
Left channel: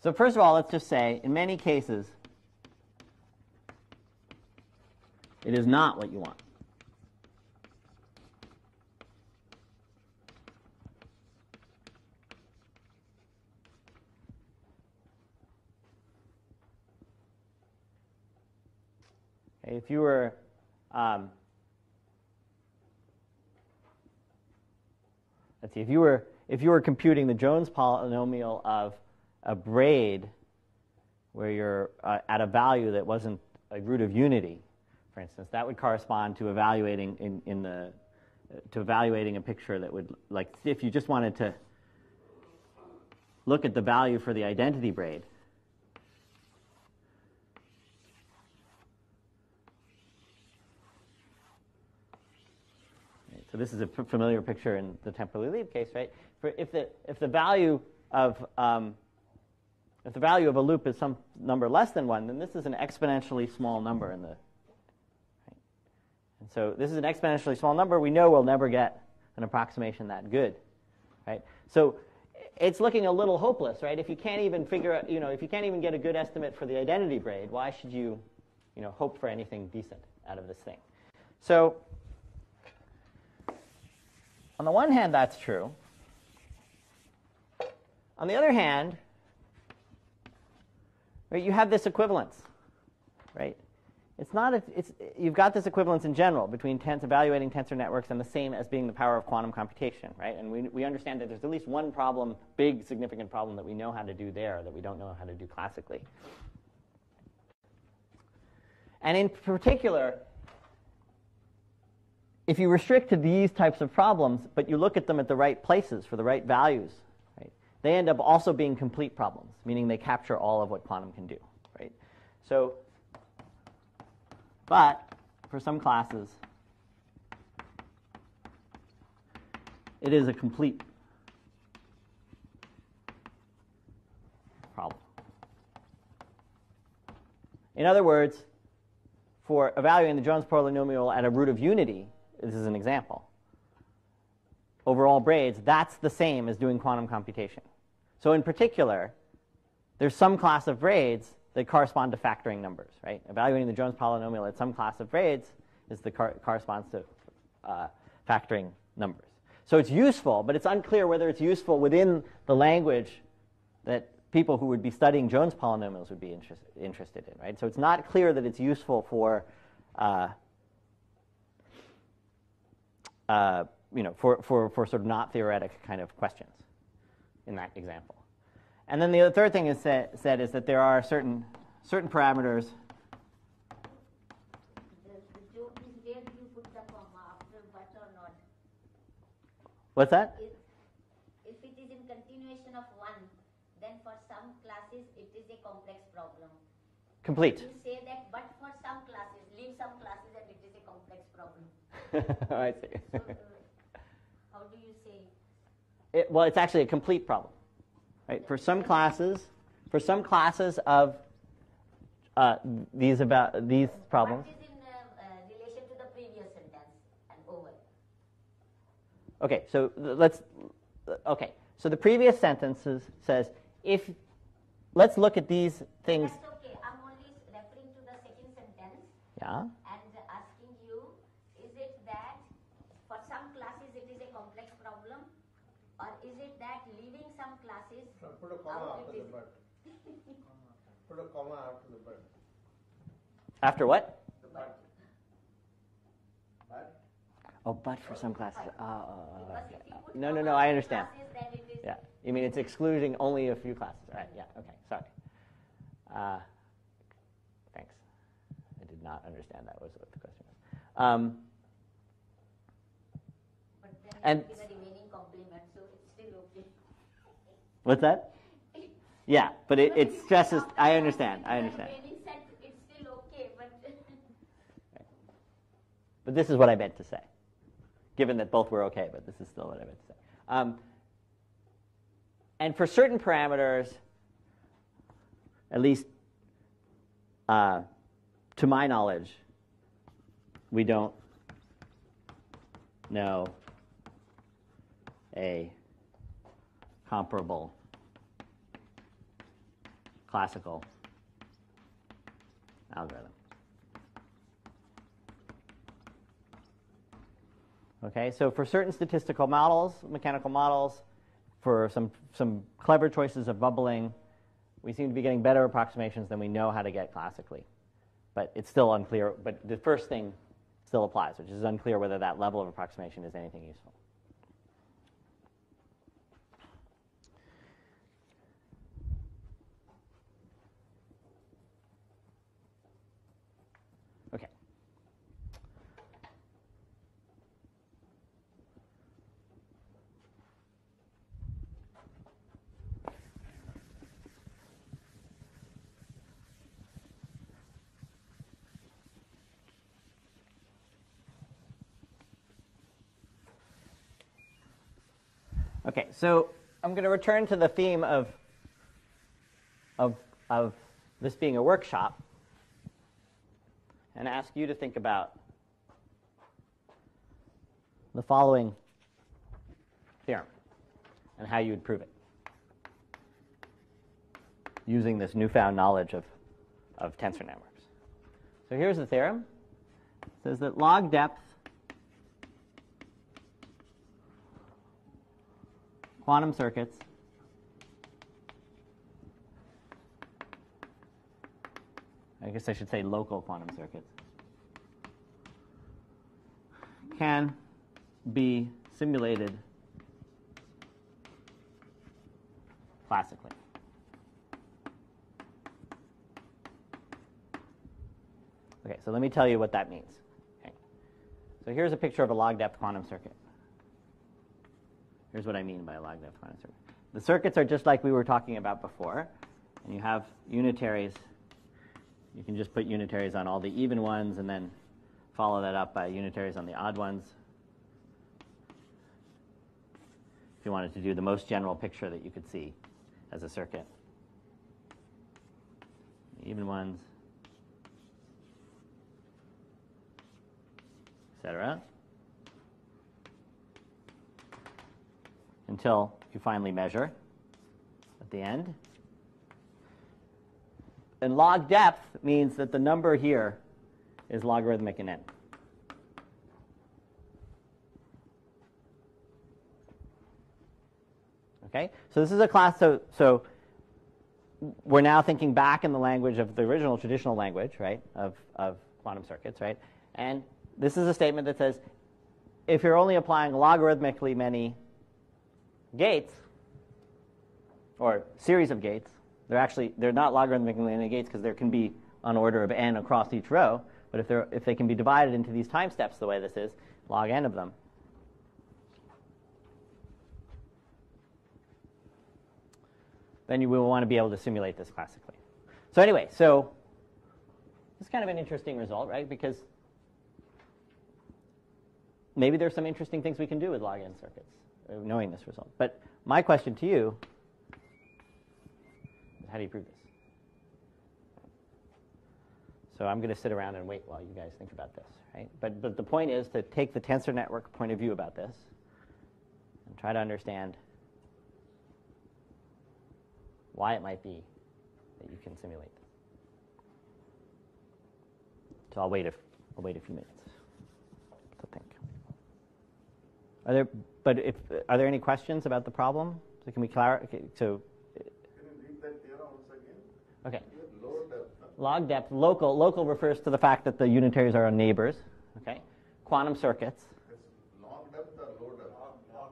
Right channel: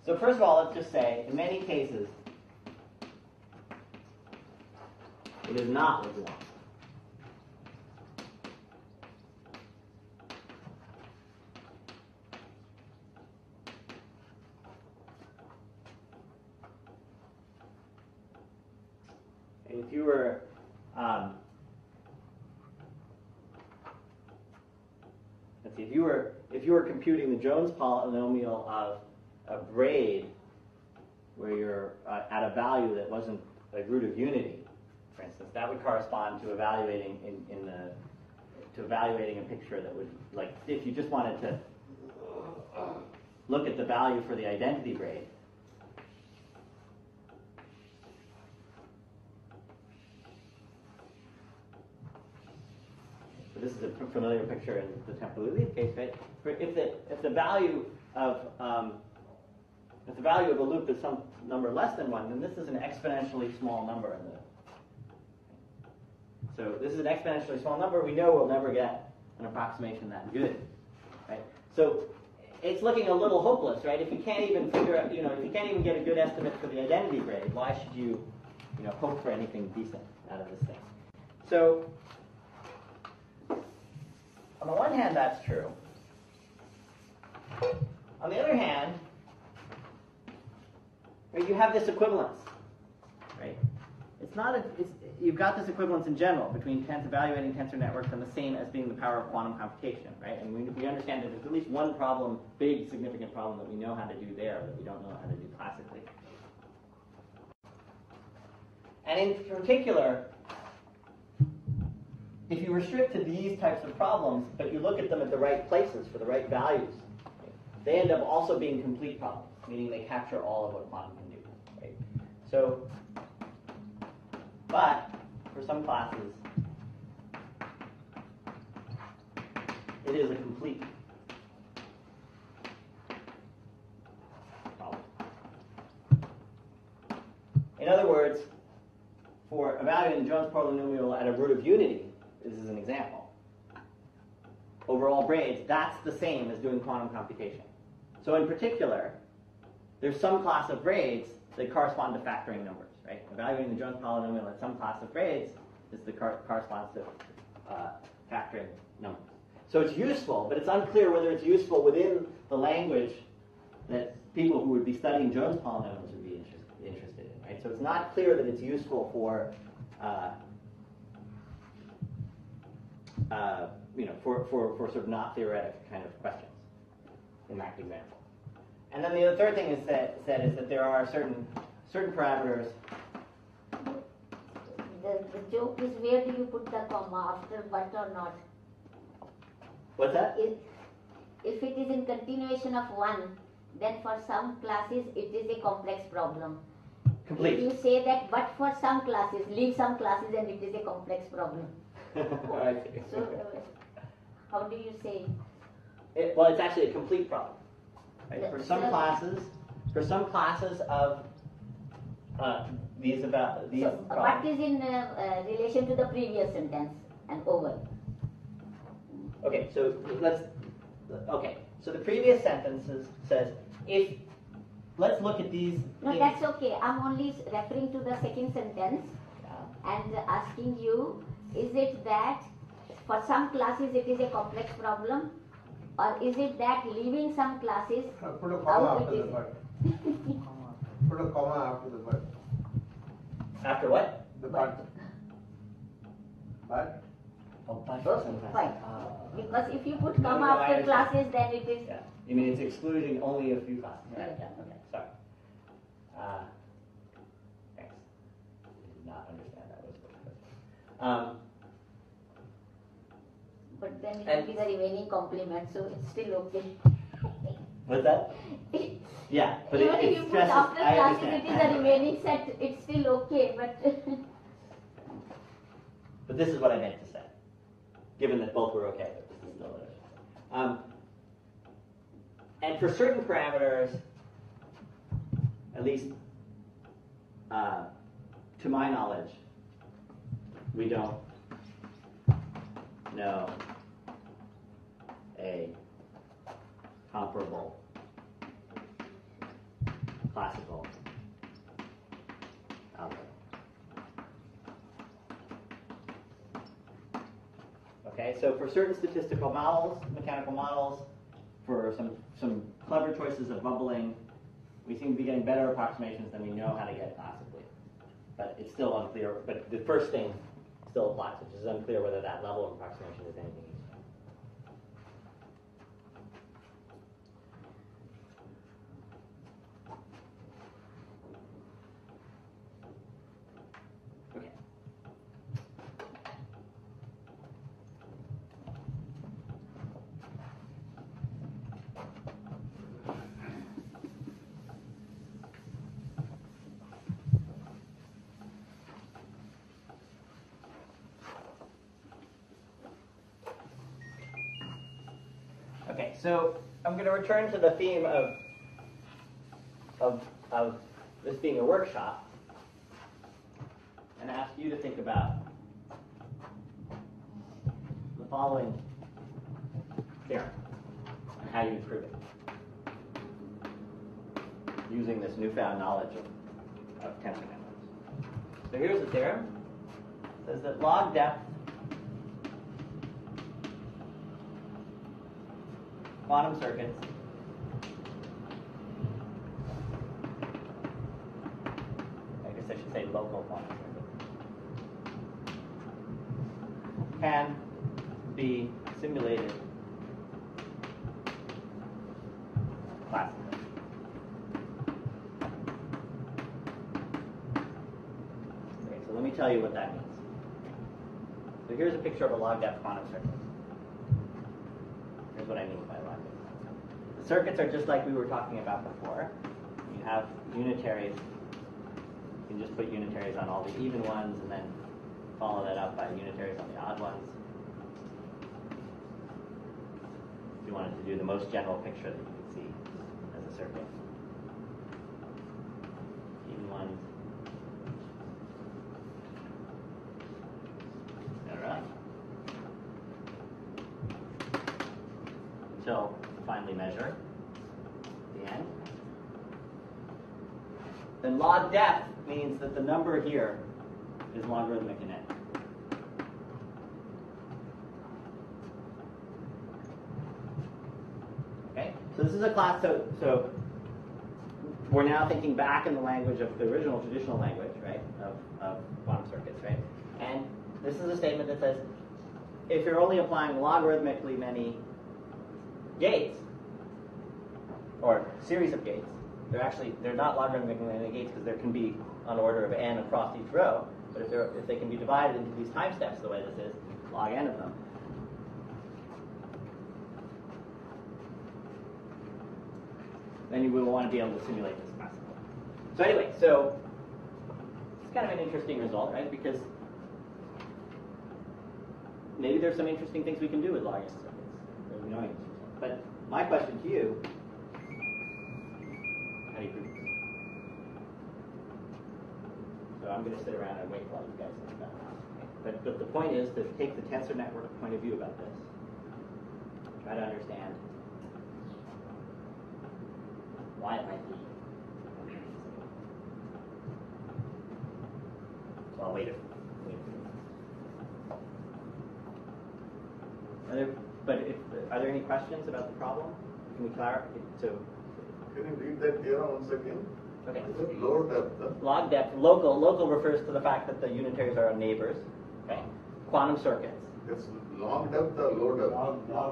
So first of all, let's just say, in many cases, it is not what you want. Okay, if you were let's see, if you were computing the Jones polynomial of a braid where you're at a value that wasn't a root of unity, for instance, that would correspond to evaluating evaluating a picture that would, like, if you just wanted to look at the value for the identity braid. So this is a familiar picture in the temporally lead case, right? If the value of a loop is some number less than 1, then this is an exponentially small number in the. So this is an exponentially small number. We know we'll never get an approximation that good, right? So it's looking a little hopeless, right? If you can't even figure out, if you can't even get a good estimate for the identity braid, why should you, hope for anything decent out of this thing? So on the one hand, that's true. On the other hand, right, you have this equivalence, right? You've got this equivalence in general between evaluating tensor networks and the same as being the power of quantum computation, right? And we understand that there's at least one problem, big significant problem that we know how to do there that we don't know how to do classically. And in particular, if you restrict to these types of problems, but you look at them at the right places for the right values, right, they end up also being complete problems, meaning they capture all of what quantum can do, right? So, but for some classes, it is a complete problem. In other words, for evaluating the Jones polynomial at a root of unity, this is an example, overall braids, that's the same as doing quantum computation. So in particular, there's some class of braids that correspond to factoring numbers, right? Evaluating the Jones polynomial at some class of braids is corresponds to factoring numbers. So it's useful, but it's unclear whether it's useful within the language that people who would be studying Jones polynomials would be interested in, right? So it's not clear that it's useful for for sort of not theoretic kind of questions in that example. And then the third thing is said is that there are certain parameters. The joke is, where do you put the comma, after but or not? What's that? If it is in continuation of 1, then for some classes it is a complex problem. Complete. You say that, but for some classes, leave some classes and it is a complex problem. I see. So, how do you say? Well, it's actually a complete problem, right? For some classes of these problems. What is in relation to the previous sentence and over? Okay, so so the previous sentences says if. Let's look at these things. No, that's okay. I'm only referring to the second sentence. Yeah. And asking you, is it that for some classes it is a complex problem, or is it that leaving some classes Put a comma after the but. Put a comma after the but. After what? The but. But. Oh, but for some classes. Fine. Because if you put No, comma I after understand. classes, then it is. Yeah. You mean it's excluding only a few classes? Right. Yeah. Okay. Sorry. Thanks. I did not understand that was the question. But then it And- will be the remaining complement, so it's still okay. What's that? Yeah, but Even if it you put stresses. after I classes, understand. It is I the understand. remaining set. It's still okay, but. But this is what I meant to say. Given that both were okay, but this is still what I meant to say. And for certain parameters, at least to my knowledge, we don't know a comparable classical algorithm. Okay, so for certain statistical models, mechanical models, for some clever choices of bubbling, we seem to be getting better approximations than we know how to get classically. But it's still unclear, but the first thing still applies, which is unclear whether that level of approximation is anything useful. Okay, so I'm going to return to the theme of this being a workshop and ask you to think about the following theorem and how you would prove it using this newfound knowledge of tensor networks. So here's the theorem. It says that log depth quantum circuits I guess I should say local quantum circuits can be simulated classically. Okay, so let me tell you what that means. Okay. So here's a picture of a log depth quantum circuit. Here's what I mean by a log depth quantum circuit. The circuits are just like we were talking about before. You have unitaries. You can just put unitaries on all the even ones and then follow that up by unitaries on the odd ones. If you wanted to do the most general picture that you could see as a circuit. Even ones, etc. Until you finally measure at the end. And log depth means that the number here is logarithmic in n. Okay, so this is a class. So we're now thinking back in the language of the original traditional language, right, of quantum circuits, right? And this is a statement that says, if you're only applying logarithmically many gates, or series of gates, they're not logarithmically many gates because there can be an order of n across each row. But if they can be divided into these time steps the way this is, log n of them, then you will want to be able to simulate this classically. So anyway, so it's kind of an interesting result, right? Because maybe there's some interesting things we can do with log n circuits, knowing this result. But my question to you, how do you prove this? So I'm going to sit around and wait while you guys think about this. Right? But the point is to take the tensor network point of view about this, try to understand why it might be you can simulate. So I'll wait a few minutes to think. Are there any questions about the problem? So can we clarify? So can you read that theorem once again? okay. Log depth. Log depth. Local refers to the fact that the unitaries are neighbors. Okay. Quantum circuits. It's log depth or low depth?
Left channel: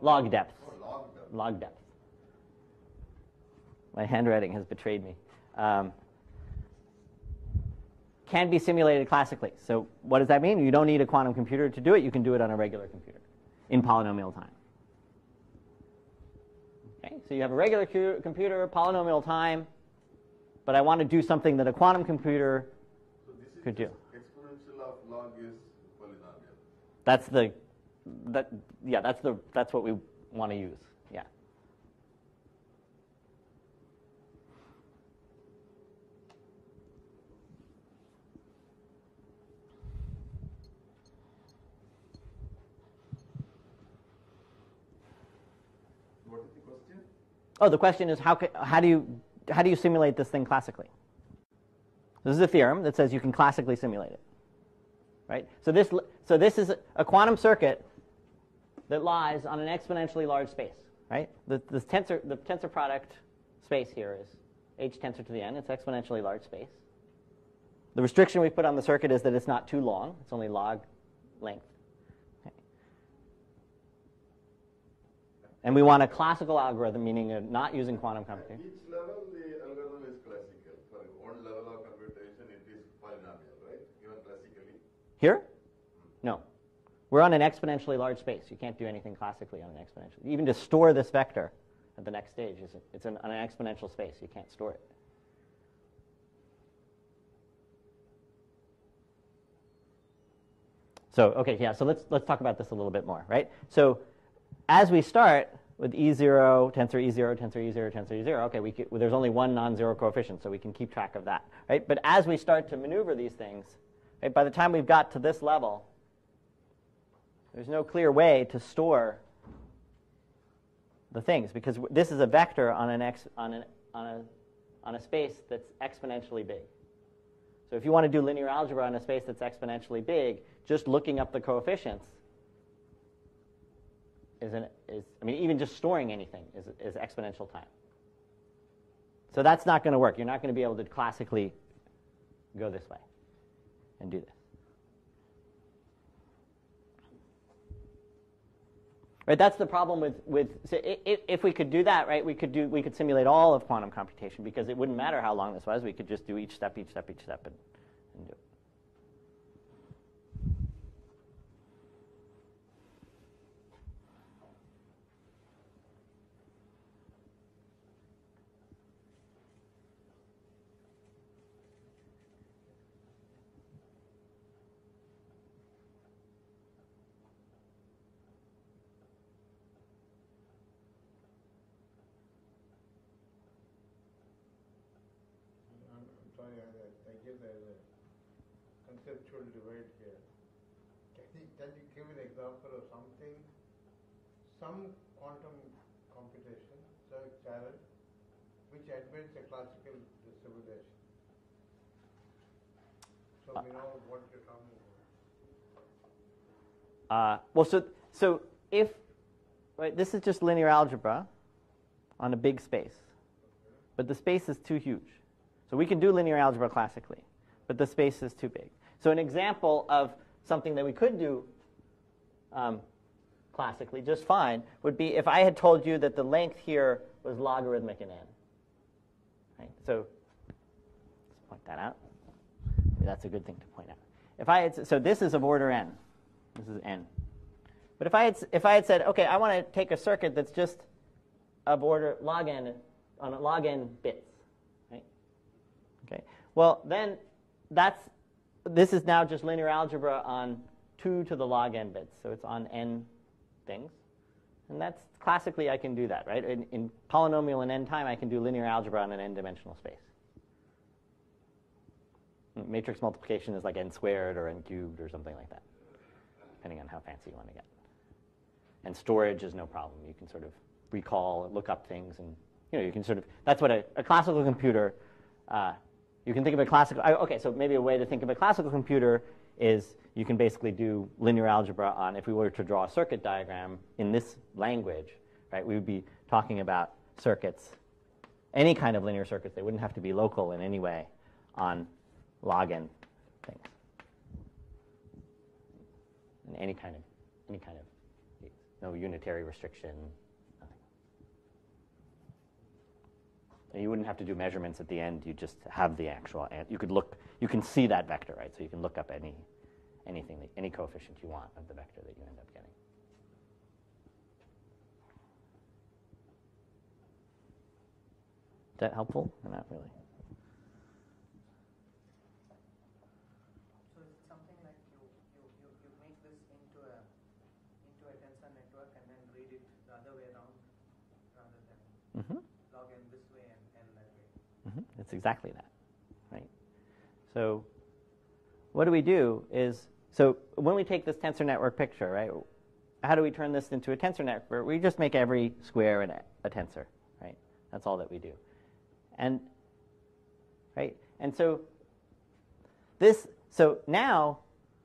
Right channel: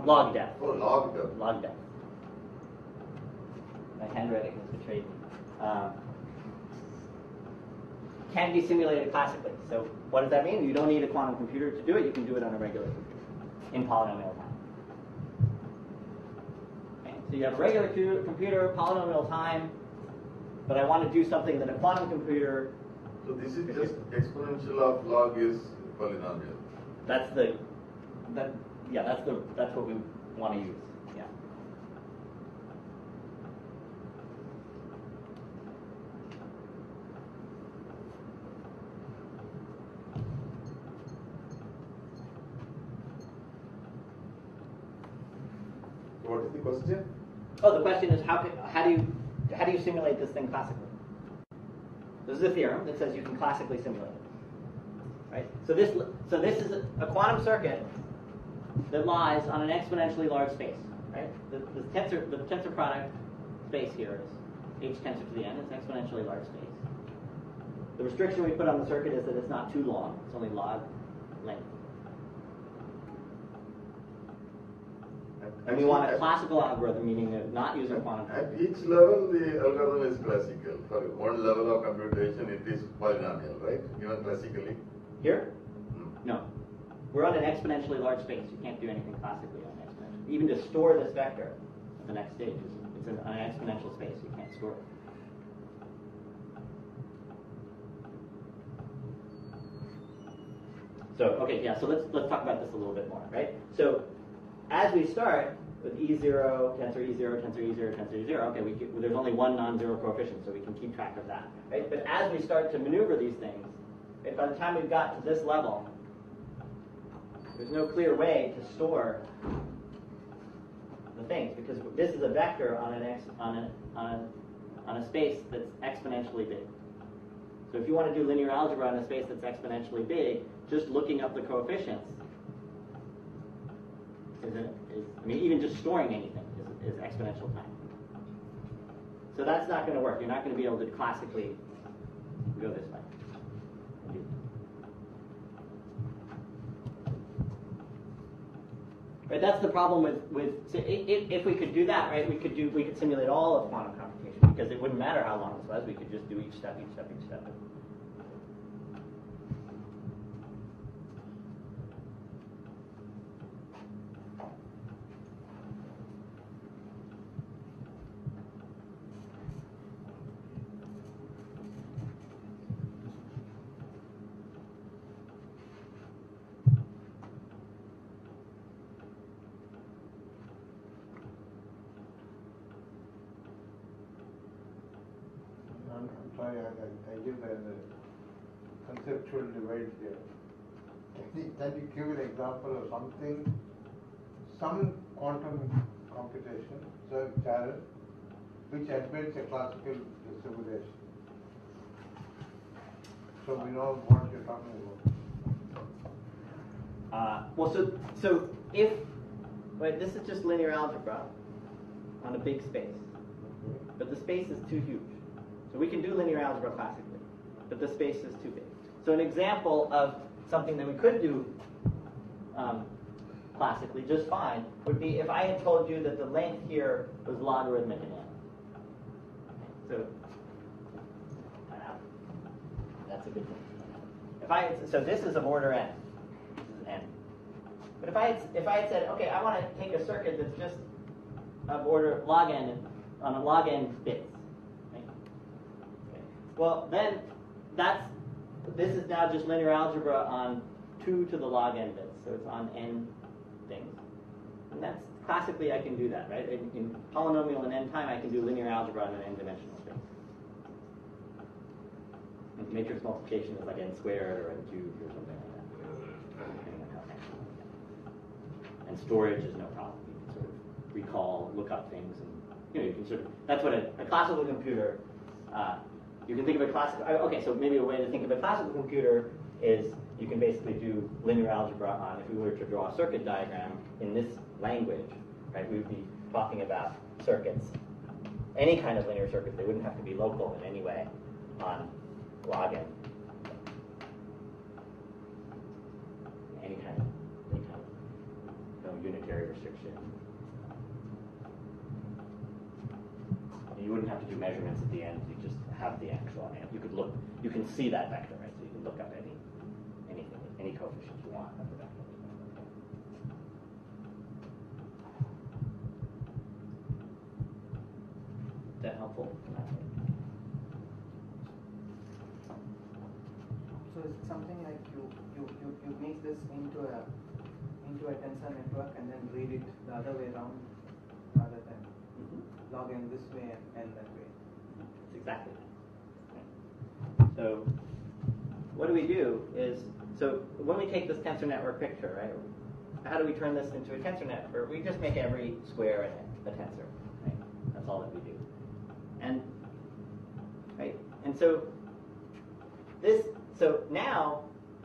Log depth. Oh, log depth. Log depth. My handwriting has betrayed me. Can be simulated classically. So what does that mean? You don't need a quantum computer to do it. You can do it on a regular computer in polynomial time. Okay. So you have a regular computer, polynomial time, but I want to do something that a quantum computer So this is could just do. exponential of log is polynomial. That's what we want to use. Yeah. So what is the question? Oh, the question is how do you simulate this thing classically? This is a theorem that says you can classically simulate it, right? So this is a quantum circuit that lies on an exponentially large space, right? The tensor product space here is h tensor to the n. It's exponentially large space. The restriction we put on the circuit is that it's not too long. It's only log length. And we want a classical algorithm, meaning not using quantum At computing. each level, the algorithm is classical. For one level of computation, it is polynomial, right? Given classically. Here? No. We're on an exponentially large space. You can't do anything classically on an exponential. Even to store this vector at the next stage, it's on an exponential space. You can't store it. So, okay, yeah, so let's talk about this a little bit more, right? So as we start, with E0, tensor E0, tensor E0, tensor E0. Okay, there's only one non-zero coefficient, so we can keep track of that, right? But as we start to maneuver these things, right, by the time we've got to this level, there's no clear way to store the things because this is a vector on a space that's exponentially big. So if you want to do linear algebra on a space that's exponentially big, just looking up the coefficients even just storing anything is exponential time. So that's not going to work. You're not going to be able to classically go this way and do this. Right, that's the problem with so if we could do that, right, we could simulate all of quantum computation because it wouldn't matter how long this was. We could just do each step. I'm sorry, I give the conceptual divide here. Can you give an example of something, some quantum computation, so channel, which admits a classical simulation? So we know what you're talking about. So if right, this is just linear algebra on a big space, but the space is too huge. So we can do linear algebra classically, but the space is too big. So an example of something that we could do classically just fine would be if I had told you that the length here was logarithmic in n. Right? So point that out. That's a good thing to point out. So this is of order n. This is n. But if I had said, okay, I want to take a circuit that's just of order log n on a log n bits. Well, then this is now just linear algebra on 2 to the log n bits. So it's on n things. And that's classically I can do that, right? In polynomial and n time, I can do linear algebra on an n-dimensional space. Matrix multiplication is like n squared or n cubed or something like that, depending on how fancy you want to get. And storage is no problem. You can sort of recall, look up things, and you can sort of, that's what a classical computer, you can think of a classical, okay, so maybe a way to think of a classical computer is you can basically do linear algebra on, if we were to draw a circuit diagram in this language, right, we would be talking about circuits, any kind of linear circuits. They wouldn't have to be local in any way on log n. Any kind of no unitary restriction. You wouldn't have to do measurements at the end. You just have the actual end. You can see that vector, right? So you can look up anything, any coefficient you want of the vector that you want to look at. Is that helpful? So it's something like you make this into a tensor network and then read it the other way around rather than log n this way and that way. That's exactly that. Right? So what do we do is, so when we take this tensor network picture, right, how do we turn this into a tensor network? We just make every square a tensor. Right? That's all that we do. And so now,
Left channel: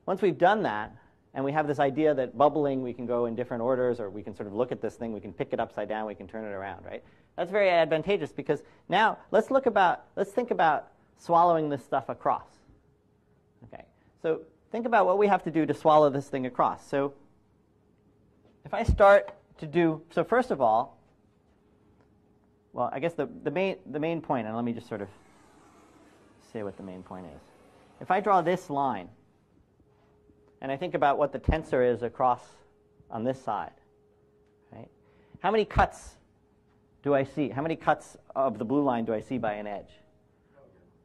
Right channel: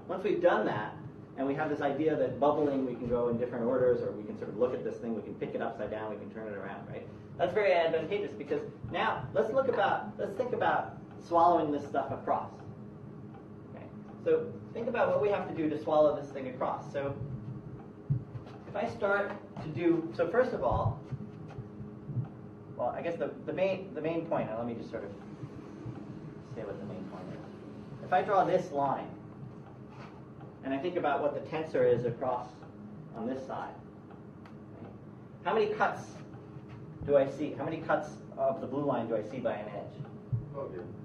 once we've done that, and we have this idea that bubbling, we can go in different orders, or we can sort of look at this thing, we can pick it upside down, we can turn it around, right? That's very advantageous because now let's think about swallowing this stuff across. Okay, so think about what we have to do to swallow this thing across. So if I start to do, so first of all, well, I guess the main point, and let me just sort of say what the main point is. If I draw this line, and I think about what the tensor is across on this side, right? How many cuts do I see? How many cuts of the blue line do I see by an edge?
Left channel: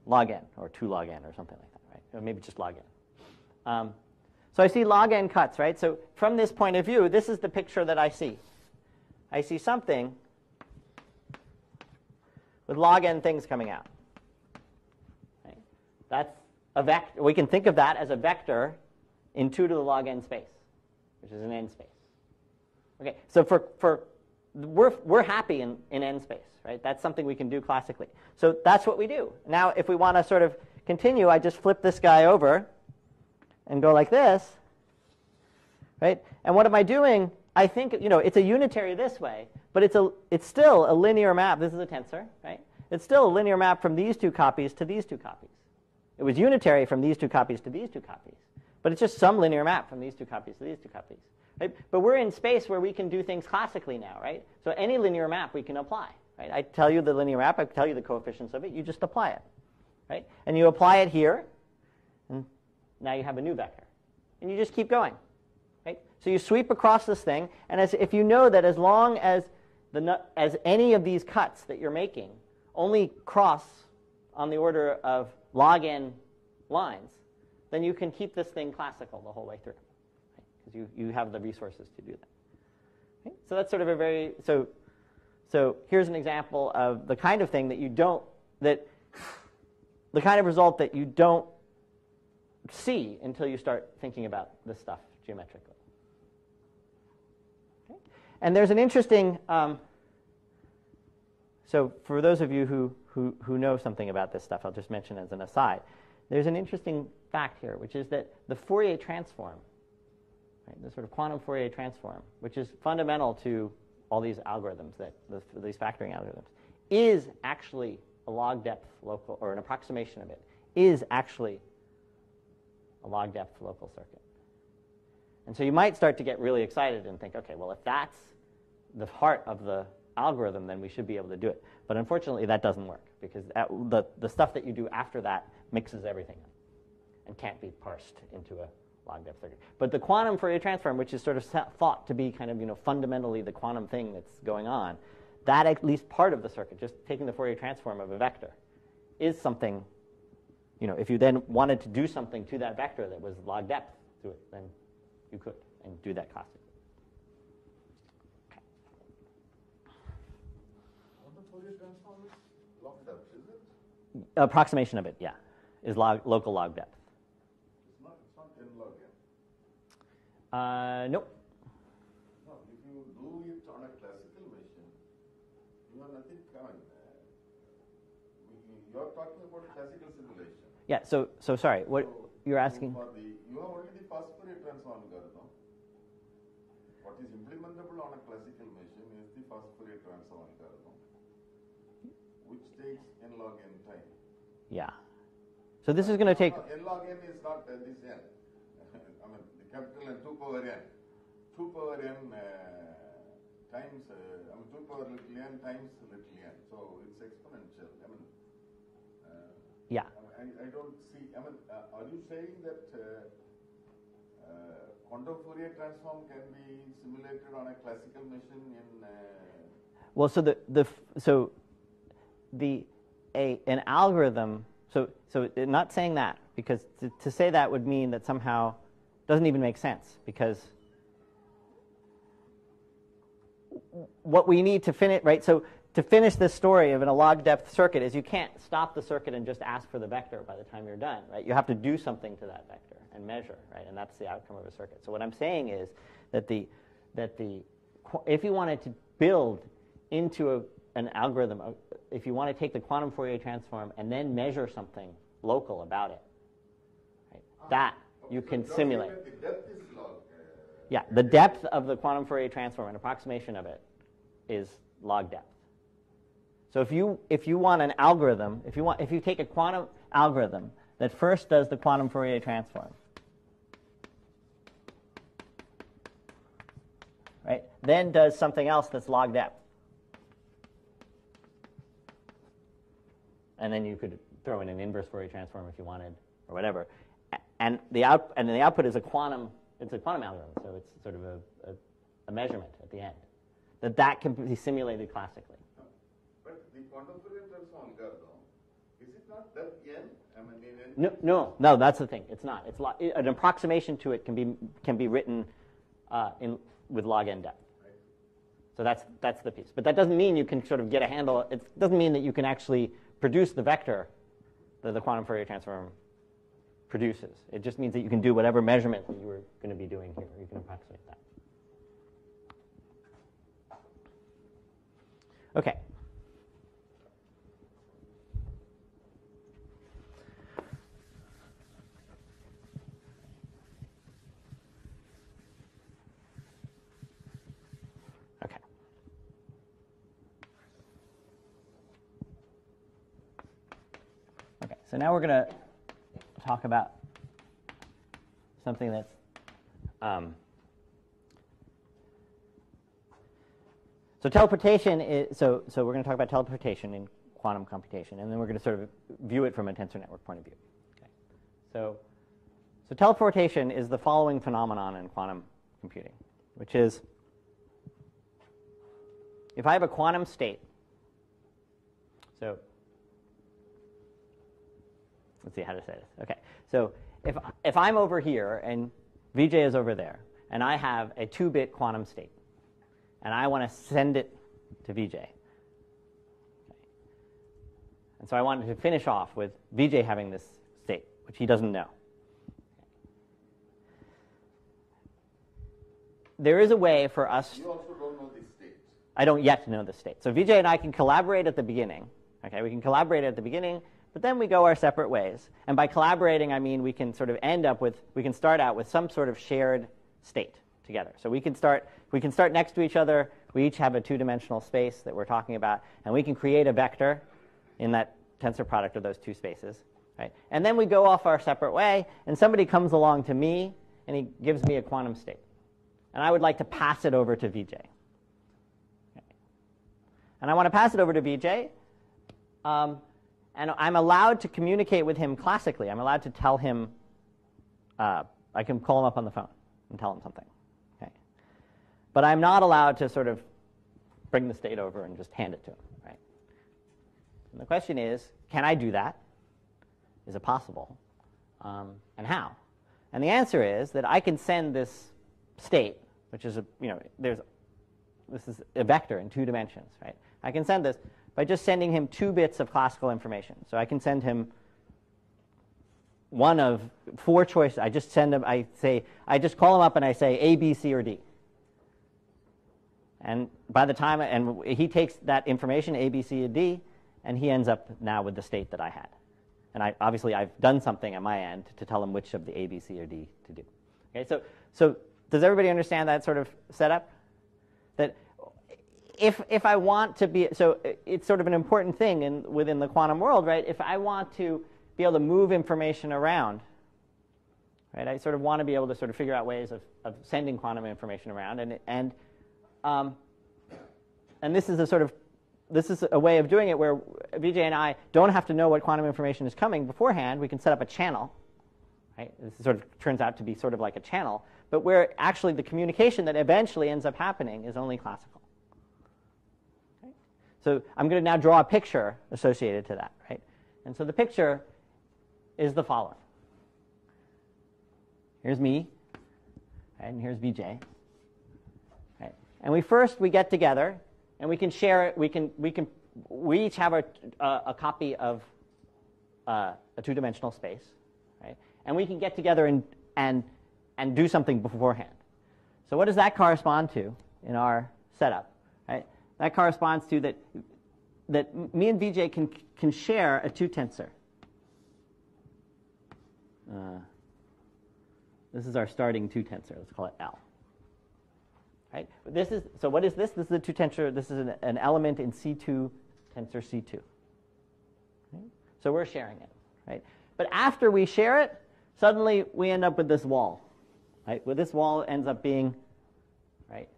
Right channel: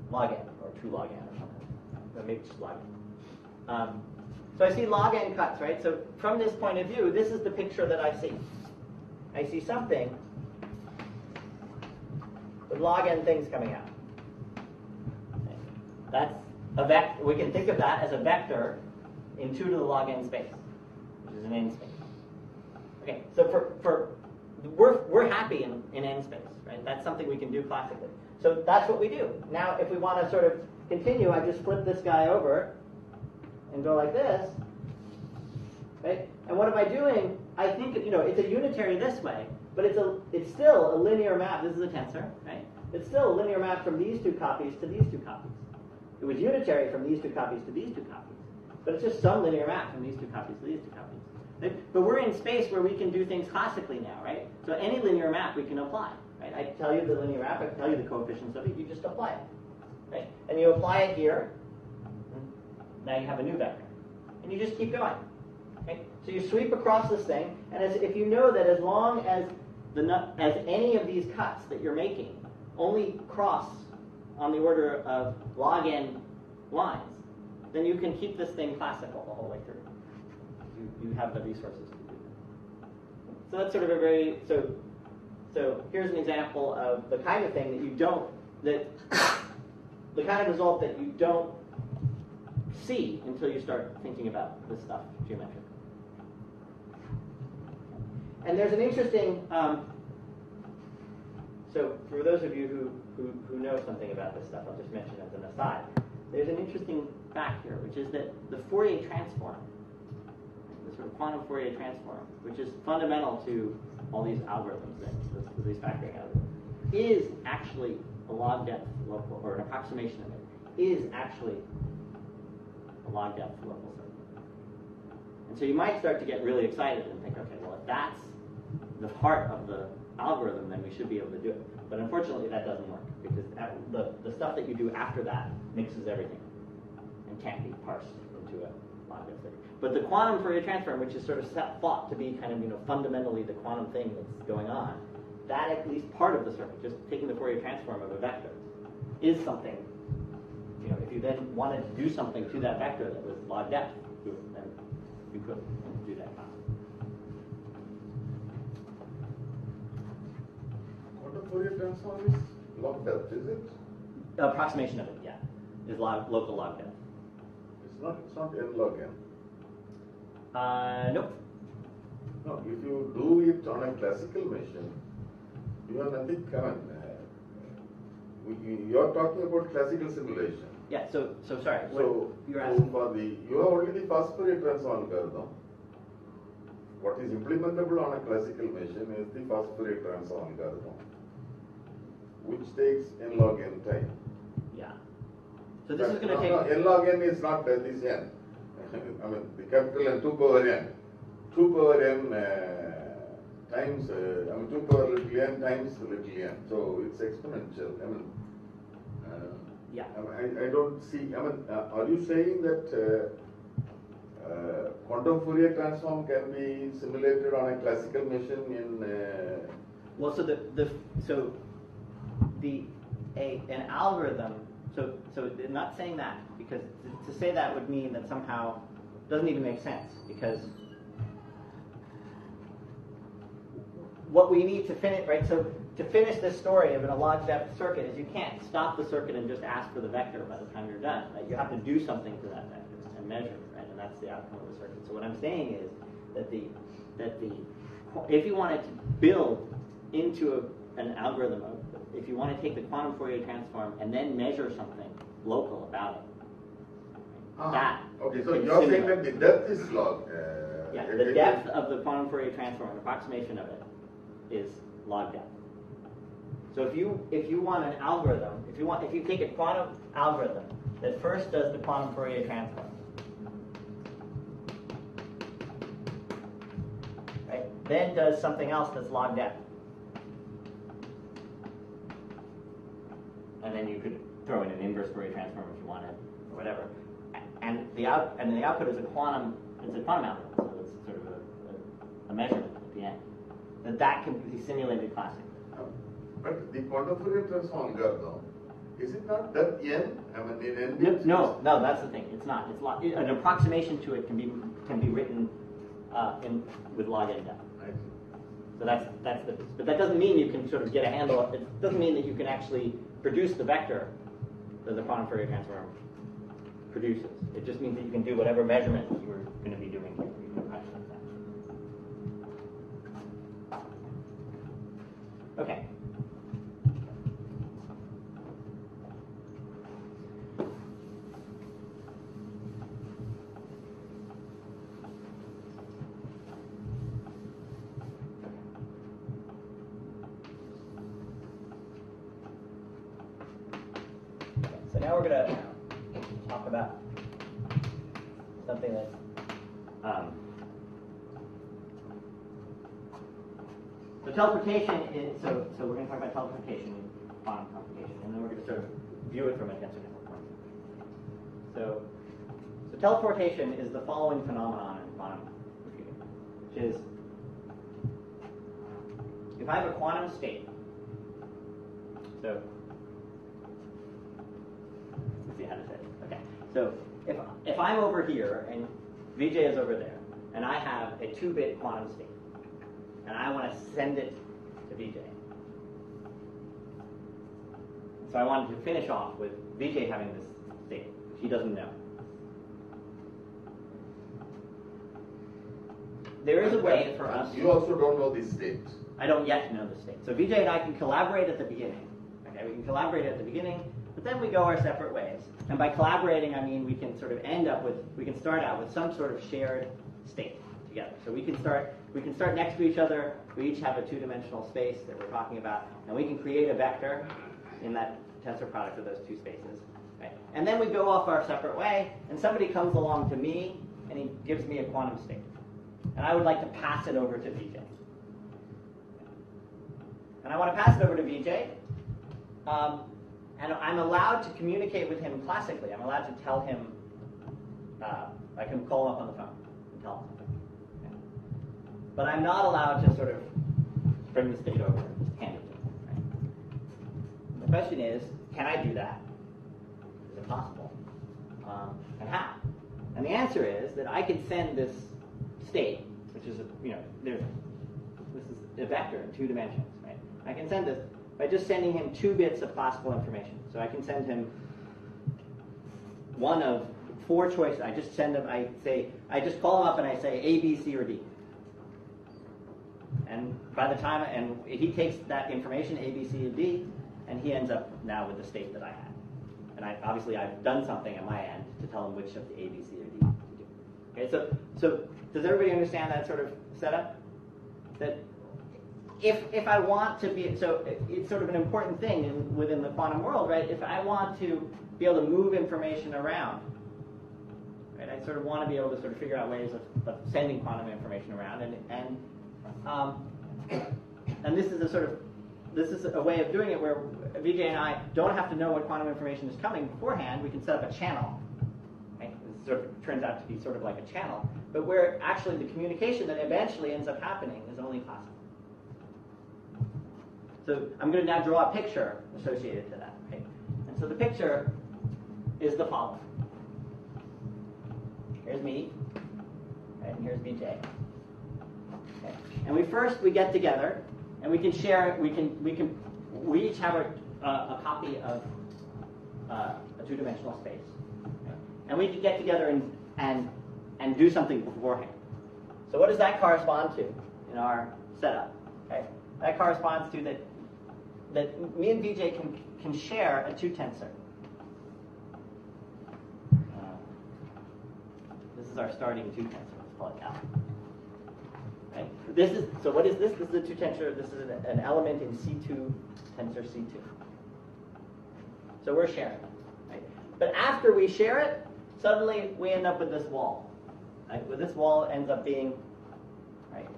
Log n, or 2 log n or something. Right? Or maybe just log n. So I see log n cuts, right? So from this point of view, this is the picture that I see. I see something with log n things coming out. That's a vector. We can think of that as a vector in 2 to the log n space, which is an n space. Okay, so we're happy in n space, right? That's something we can do classically. So that's what we do. Now, if we want to sort of continue, I just flip this guy over and go like this, right? And what am I doing? I think, it's a unitary this way, but it's still a linear map. This is a tensor, right? It's still a linear map from these 2 copies to these 2 copies. It was unitary from these 2 copies to these 2 copies, but it's just some linear map from these 2 copies to these 2 copies. Right? But we're in space where we can do things classically now, right? So any linear map we can apply, right? I tell you the linear map, I tell you the coefficients of it, you just apply it, right? And you apply it here, and now you have a new vector. And you just keep going, right? So you sweep across this thing, and if you know that as long as any of these cuts that you're making only cross on the order of log n lines, then you can keep this thing classical the whole way through. You have the resources to do that. Okay? So that's sort of a very, so here's an example of the kind of thing that the kind of result that you don't see until you start thinking about this stuff geometrically. And there's an interesting, so for those of you who know something about this stuff, I'll just mention as an aside, there's an interesting fact here, which is that the Fourier transform, the sort of quantum Fourier transform, which is fundamental to all these algorithms, these factoring algorithms, is actually a log depth local, or an approximation of it, is actually a log depth local circuit. And so you might start to get really excited and think, okay, well, if that's the heart of the algorithm, then we should be able to do it. But unfortunately, that doesn't work, because the stuff that you do after that mixes everything and can't be parsed into a log depth circuit. But the quantum Fourier transform, which is sort of thought to be kind of fundamentally the quantum thing that's going on, that at least part of the circuit, just taking the Fourier transform of a vector, is something. If you then wanted to do something to that vector that was log depth to it, then you could do that class. What the Fourier transform is? Log depth, is it? Approximation of it, yeah, is local log depth. It's not n log n. Nope. No, if you do it on a classical machine, you have nothing common. You're talking about classical simulation. Yeah, so sorry, what you're asking? You have only the fast Fourier transform algorithm. What is implementable on a classical machine is the fast Fourier transform algorithm, which takes n log n time. Yeah. So this is going to take... No, n log n is not this n. I mean, the capital N, 2 power n. 2 power n times, 2 power little n times little n. So it's exponential. Yeah. I don't see, are you saying that quantum Fourier transform can be simulated on a classical machine in... Well, so an algorithm, so not saying that, because to say that would mean that somehow doesn't even make sense, because what we need to finish, right, so to finish this story of a log depth circuit is you can't stop the circuit and just ask for the vector by the time you're done, right? You have to do something to that vector and measure, right? And that's the outcome of the circuit. So what I'm saying is that if you wanted to build into an algorithm, if you want to take the quantum Fourier transform and then measure something local about it, that okay, you so can you're saying simulate. that the depth is log. Yeah, the depth of the quantum Fourier transform, an approximation of it, is log depth. So if you want an algorithm, if you take a quantum algorithm that first does the quantum Fourier transform, right, then does something else that's log depth, and then you could throw in an inverse Fourier transform if you wanted, or whatever, and the output is a quantum. It's a quantum algorithm, so it's sort of a measurement at the end. That can be simulated classically. But the quantum Fourier transform algorithm, is it not depth n? In n? No, that's the thing. It's not. An approximation to it can be written with log n depth. So that's the piece. But that doesn't mean you can sort of get a handle. It doesn't mean that you can actually produce the vector that the quantum Fourier transform produces. It just means that you can do whatever measurement you were going to be doing here. You can approximate that. Okay. So now we're going to talk about something that's so teleportation is so we're going to talk about teleportation in quantum computation, and then we're going to sort of view it from a tensor network point of view. So teleportation is the following phenomenon in quantum computing, which is if I have a quantum state, so see how to say it. Okay, so if I'm over here and VJ is over there, and I have a 2-bit quantum state, and I want to send it to VJ, and so I wanted to finish off with VJ having this state, which he doesn't know. There is a way for us. You also don't know this state. I don't yet know the state. So VJ and I can collaborate at the beginning. Okay, we can collaborate at the beginning. But then we go our separate ways. And by collaborating, I mean we can sort of we can start out with some sort of shared state together. So we can start next to each other. We each have a 2-dimensional space that we're talking about, and we can create a vector in that tensor product of those 2 spaces. Right? And then we go off our separate way, and somebody comes along to me, and he gives me a quantum state. And I would like to pass it over to VJ. And I want to pass it over to VJ. And I'm allowed to communicate with him classically. I'm allowed to tell him, I can call him up on the phone and tell him something. Okay? But I'm not allowed to sort of bring the state over and just hand it to him. Right? The question is, can I do that? Is it possible? And how? And the answer is that I can send this state, which is this is a vector in 2 dimensions. Right? I can send this by just sending him 2 bits of classical information. So I can send him one of 4 choices. I just send him, I just call him up and I say A, B, C, or D. And by the time, and he takes that information, A, B, C, or D, and he ends up now with the state that I had. And obviously I've done something at my end to tell him which of the A, B, C, or D to do. Okay, so does everybody understand that sort of setup? That if I want to be, so it's sort of an important thing within the quantum world, right? If I want to be able to move information around, right? I sort of want to be able to sort of figure out ways of sending quantum information around, and this is a way of doing it where VJ and I don't have to know what quantum information is coming beforehand. We can set up a channel, right? This sort of turns out to be sort of like a channel, but where actually the communication that eventually ends up happening is only classical. So I'm going to now draw a picture associated to that, right? And so the picture is the following. Here's me, right, and here's VJ. Okay. And we get together, and we can share. We each have a copy of a 2-dimensional space, right? And we can get together and do something beforehand. So what does that correspond to in our setup? Right? That corresponds to that me and VJ can share a 2 tensor. This is our starting 2 tensor. Let's call it L. Right? So what is this? This is a 2 tensor. This is an element in C2 tensor C2. So we're sharing it. Right? But after we share it, suddenly we end up with this wall. Right? Well, this wall ends up being, right?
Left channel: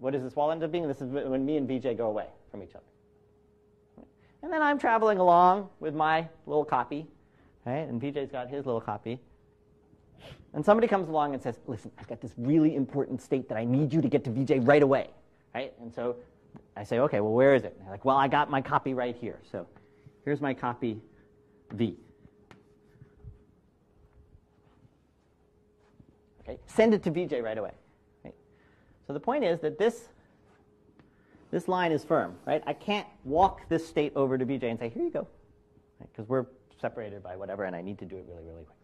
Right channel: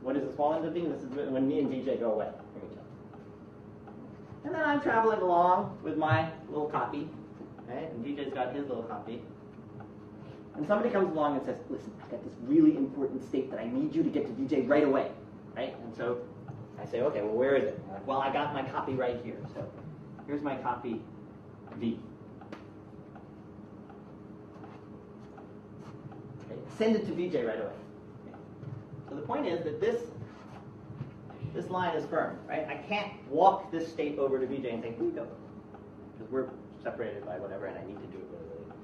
What does this wall end up being? This is when me and VJ go away from each other. And then I'm traveling along with my little copy, right? And VJ's got his little copy. And somebody comes along and says, listen, I've got this really important state that I need you to get to VJ right away, right? And so I say, okay, well, where is it? And they're like, well, I got my copy right here. So here's my copy V. Okay, send it to VJ right away. Okay. So the point is that this line is firm, right? I can't walk this state over to VJ and say, here you go, because we're separated by whatever, and I need to do it really, really.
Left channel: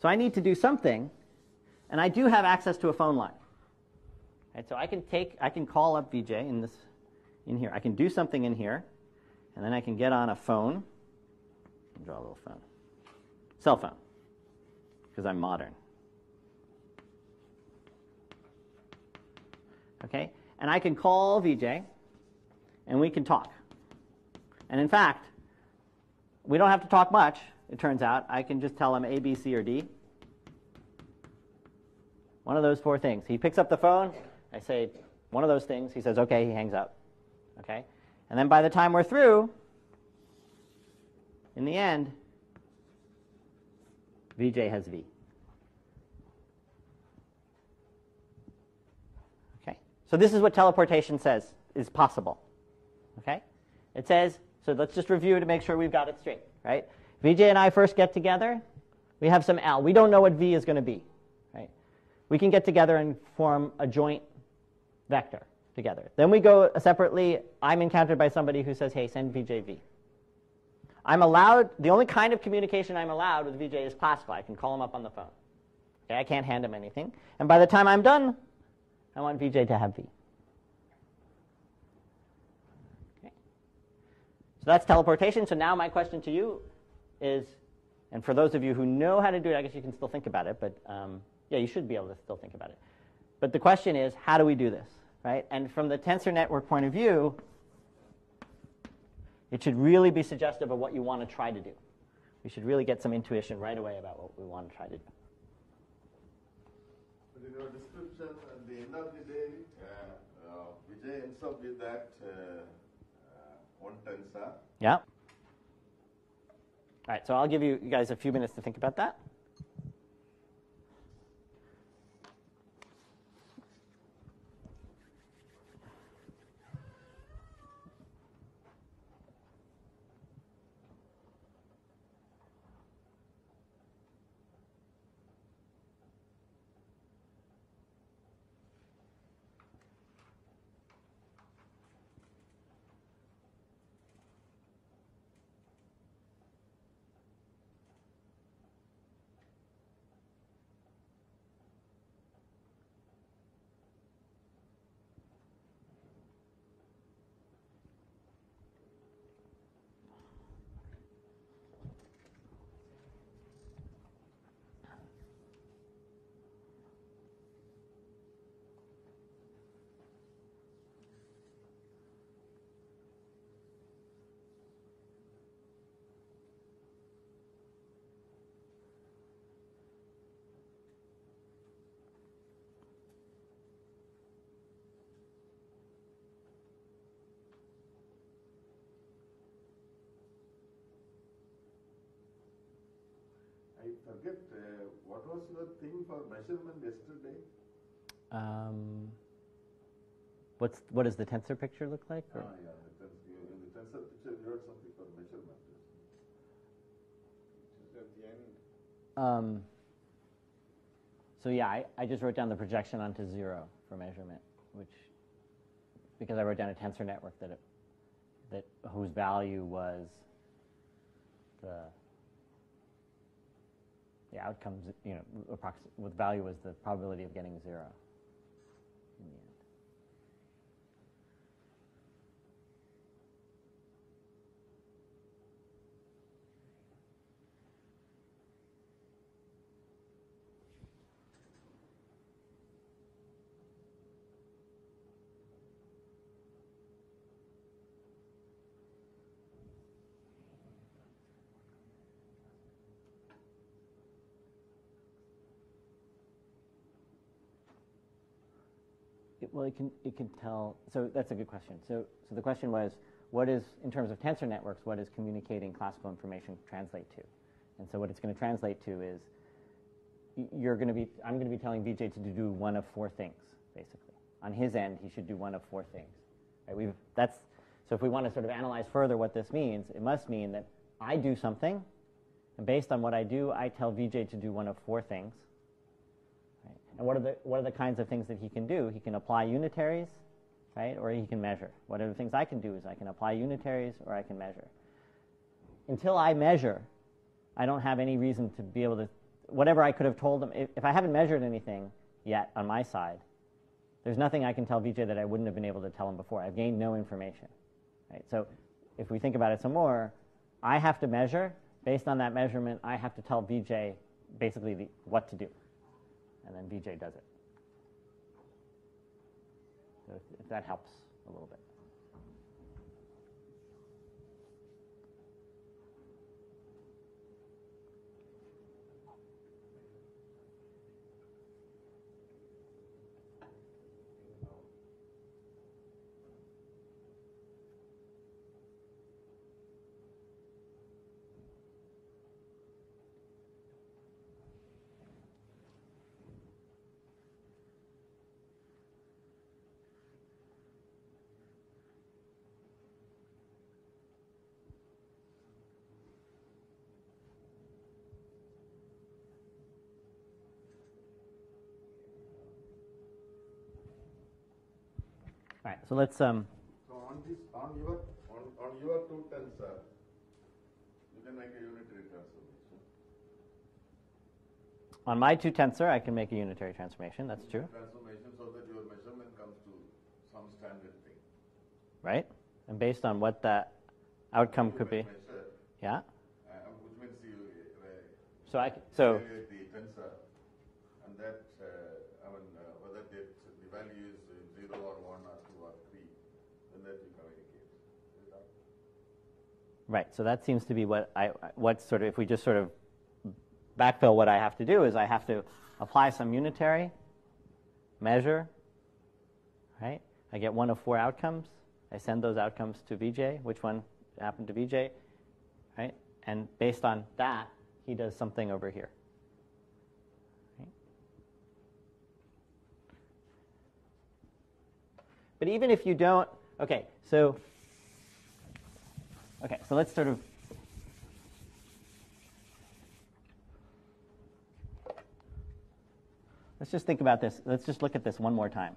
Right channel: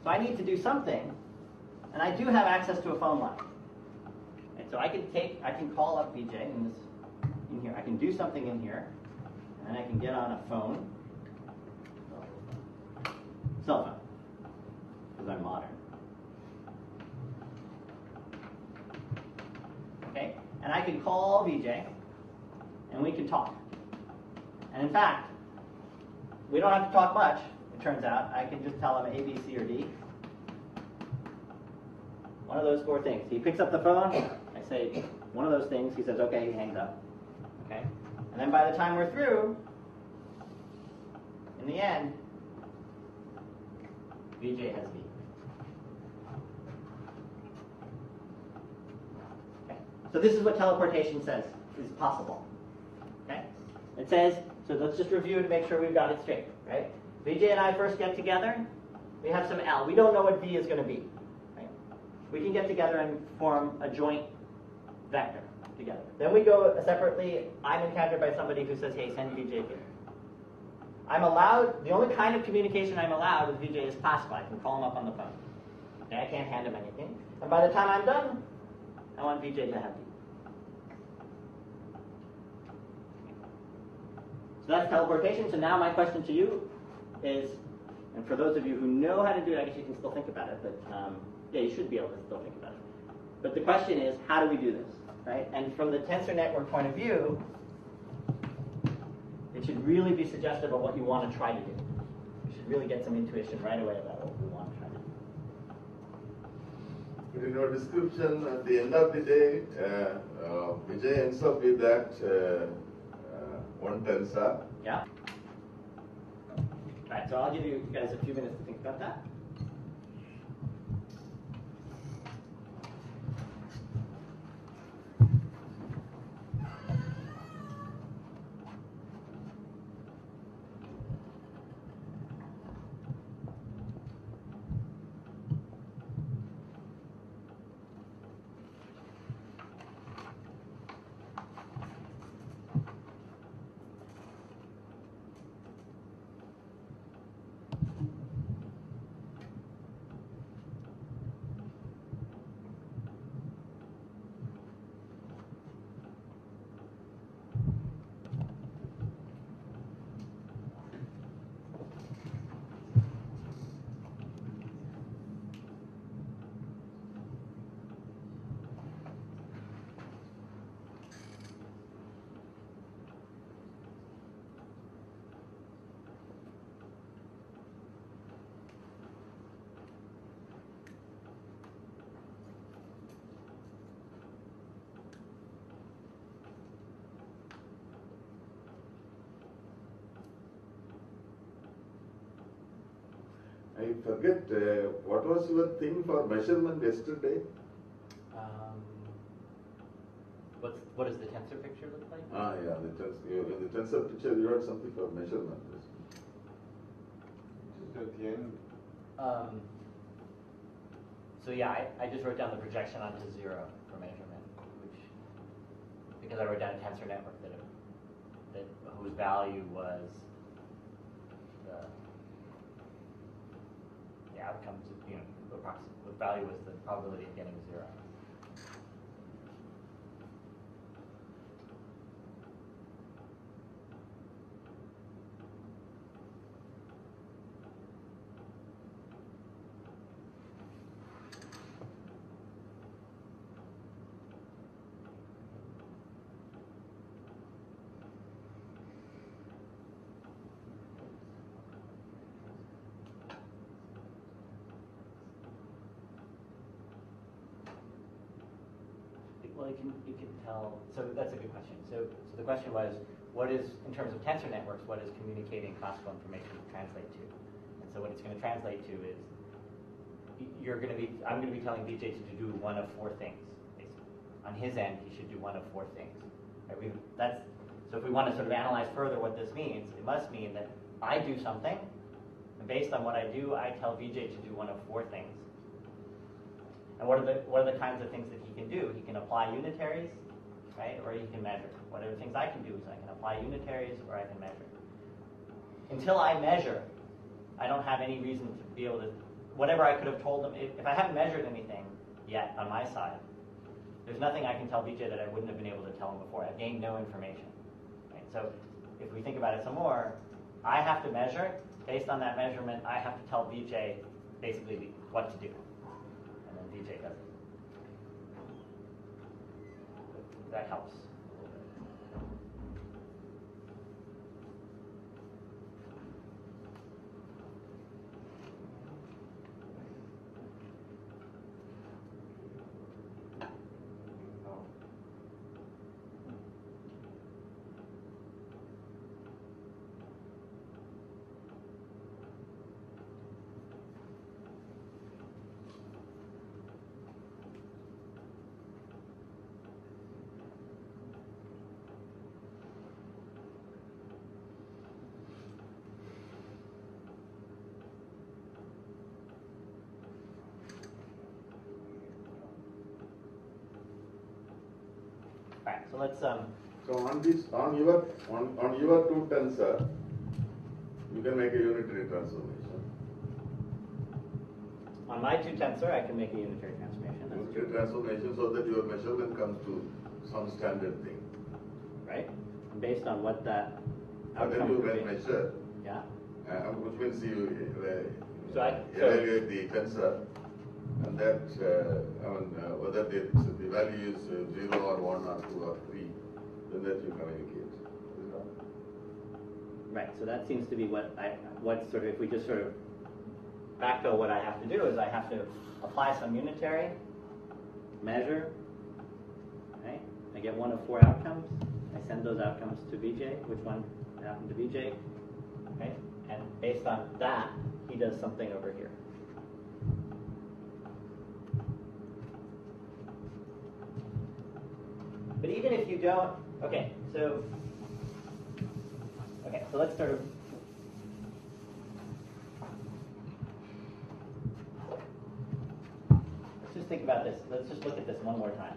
So I need to do something, and I do have access to a phone line. Right, so I can call up VJ in here. I can do something in here, and then I can get on a phone, draw a little phone, cell phone, because I'm modern. Okay, and I can call VJ, and we can talk. And in fact, we don't have to talk much, it turns out. I can just tell him A, B, C, or D. One of those four things. He picks up the phone, I say one of those things, he says, okay, he hangs up. Okay? And then by the time we're through, in the end, VJ has V. Okay? So this is what teleportation says is possible. Okay? It says, so let's just review to make sure we've got it straight, right? VJ and I first get together, we have some L. We don't know what V is going to be. Right? We can get together and form a joint vector together. Then we go separately. I'm encountered by somebody who says, hey, send VJ V. I'm allowed, the only kind of communication I'm allowed with VJ is classical. I can call him up on the phone. Okay, I can't hand him anything. And by the time I'm done, I want VJ to have V. Okay. So that's teleportation. So now my question to you is, and for those of you who know how to do it, I guess you can still think about it, but yeah, you should be able to still think about it. But the question is, how do we do this, right? And from the tensor network point of view, it should really be suggestive of what you want to try to do. You should really get some intuition right away about what we want to try to do. But in your description, at the end of the day, Vijay ends up with that one tensor. Yeah. All right, so I'll give you guys a few minutes to think about that. I forget, what was your thing for measurement yesterday? What does the tensor picture look like? Yeah, in the tensor picture you had something for measurement. Just at the end. So yeah, I just wrote down the projection onto 0 for measurement, because I wrote down a tensor network whose value was the outcomes, with value was the probability of getting 0. Well, it can tell. So that's a good question. So the question was, what is, in terms of tensor networks, what is communicating classical information translate to? And so what it's going to translate to is, I'm going to be telling VJ to do one of 4 things, basically. On his end, he should do one of 4 things. Right? So if we want to sort of analyze further what this means, it must mean that I do something, and based on what I do, I tell VJ to do one of 4 things. And what are the kinds of things that he can do? He can apply unitaries, right? Or he can measure. Whatever things I can do is I can apply unitaries or I can measure. Until I measure, I don't have any reason to be able to, whatever I could have told him, if I haven't measured anything yet on my side, there's nothing I can tell VJ that I wouldn't have been able to tell him before. I've gained no information. Right? So if we think about it some more, I have to measure. Based on that measurement, I have to tell VJ basically what to do. And then VJ does it. If that helps a little bit. All right, so let's So on your two tensor, you can make a unitary transformation. on my two tensor, I can make a unitary transformation. That's Unitary true, transformation so that your measurement comes to some standard thing. right? And based on what that outcome could be. Then you measure, Yeah. which means you So evaluate the tensor, and that whether the value is 0 or 1 or 2 or 3, then that you communicate. right. So that seems to be what sort of, if we just sort of backfill, what I have to do is I have to apply some unitary, measure, right? I get one of 4 outcomes. I send those outcomes to VJ. Which one happened to VJ, right? And based on that, he does something over here. But even if you don't, okay, so let's sort of, let's just think about this. Let's just look at this one more time.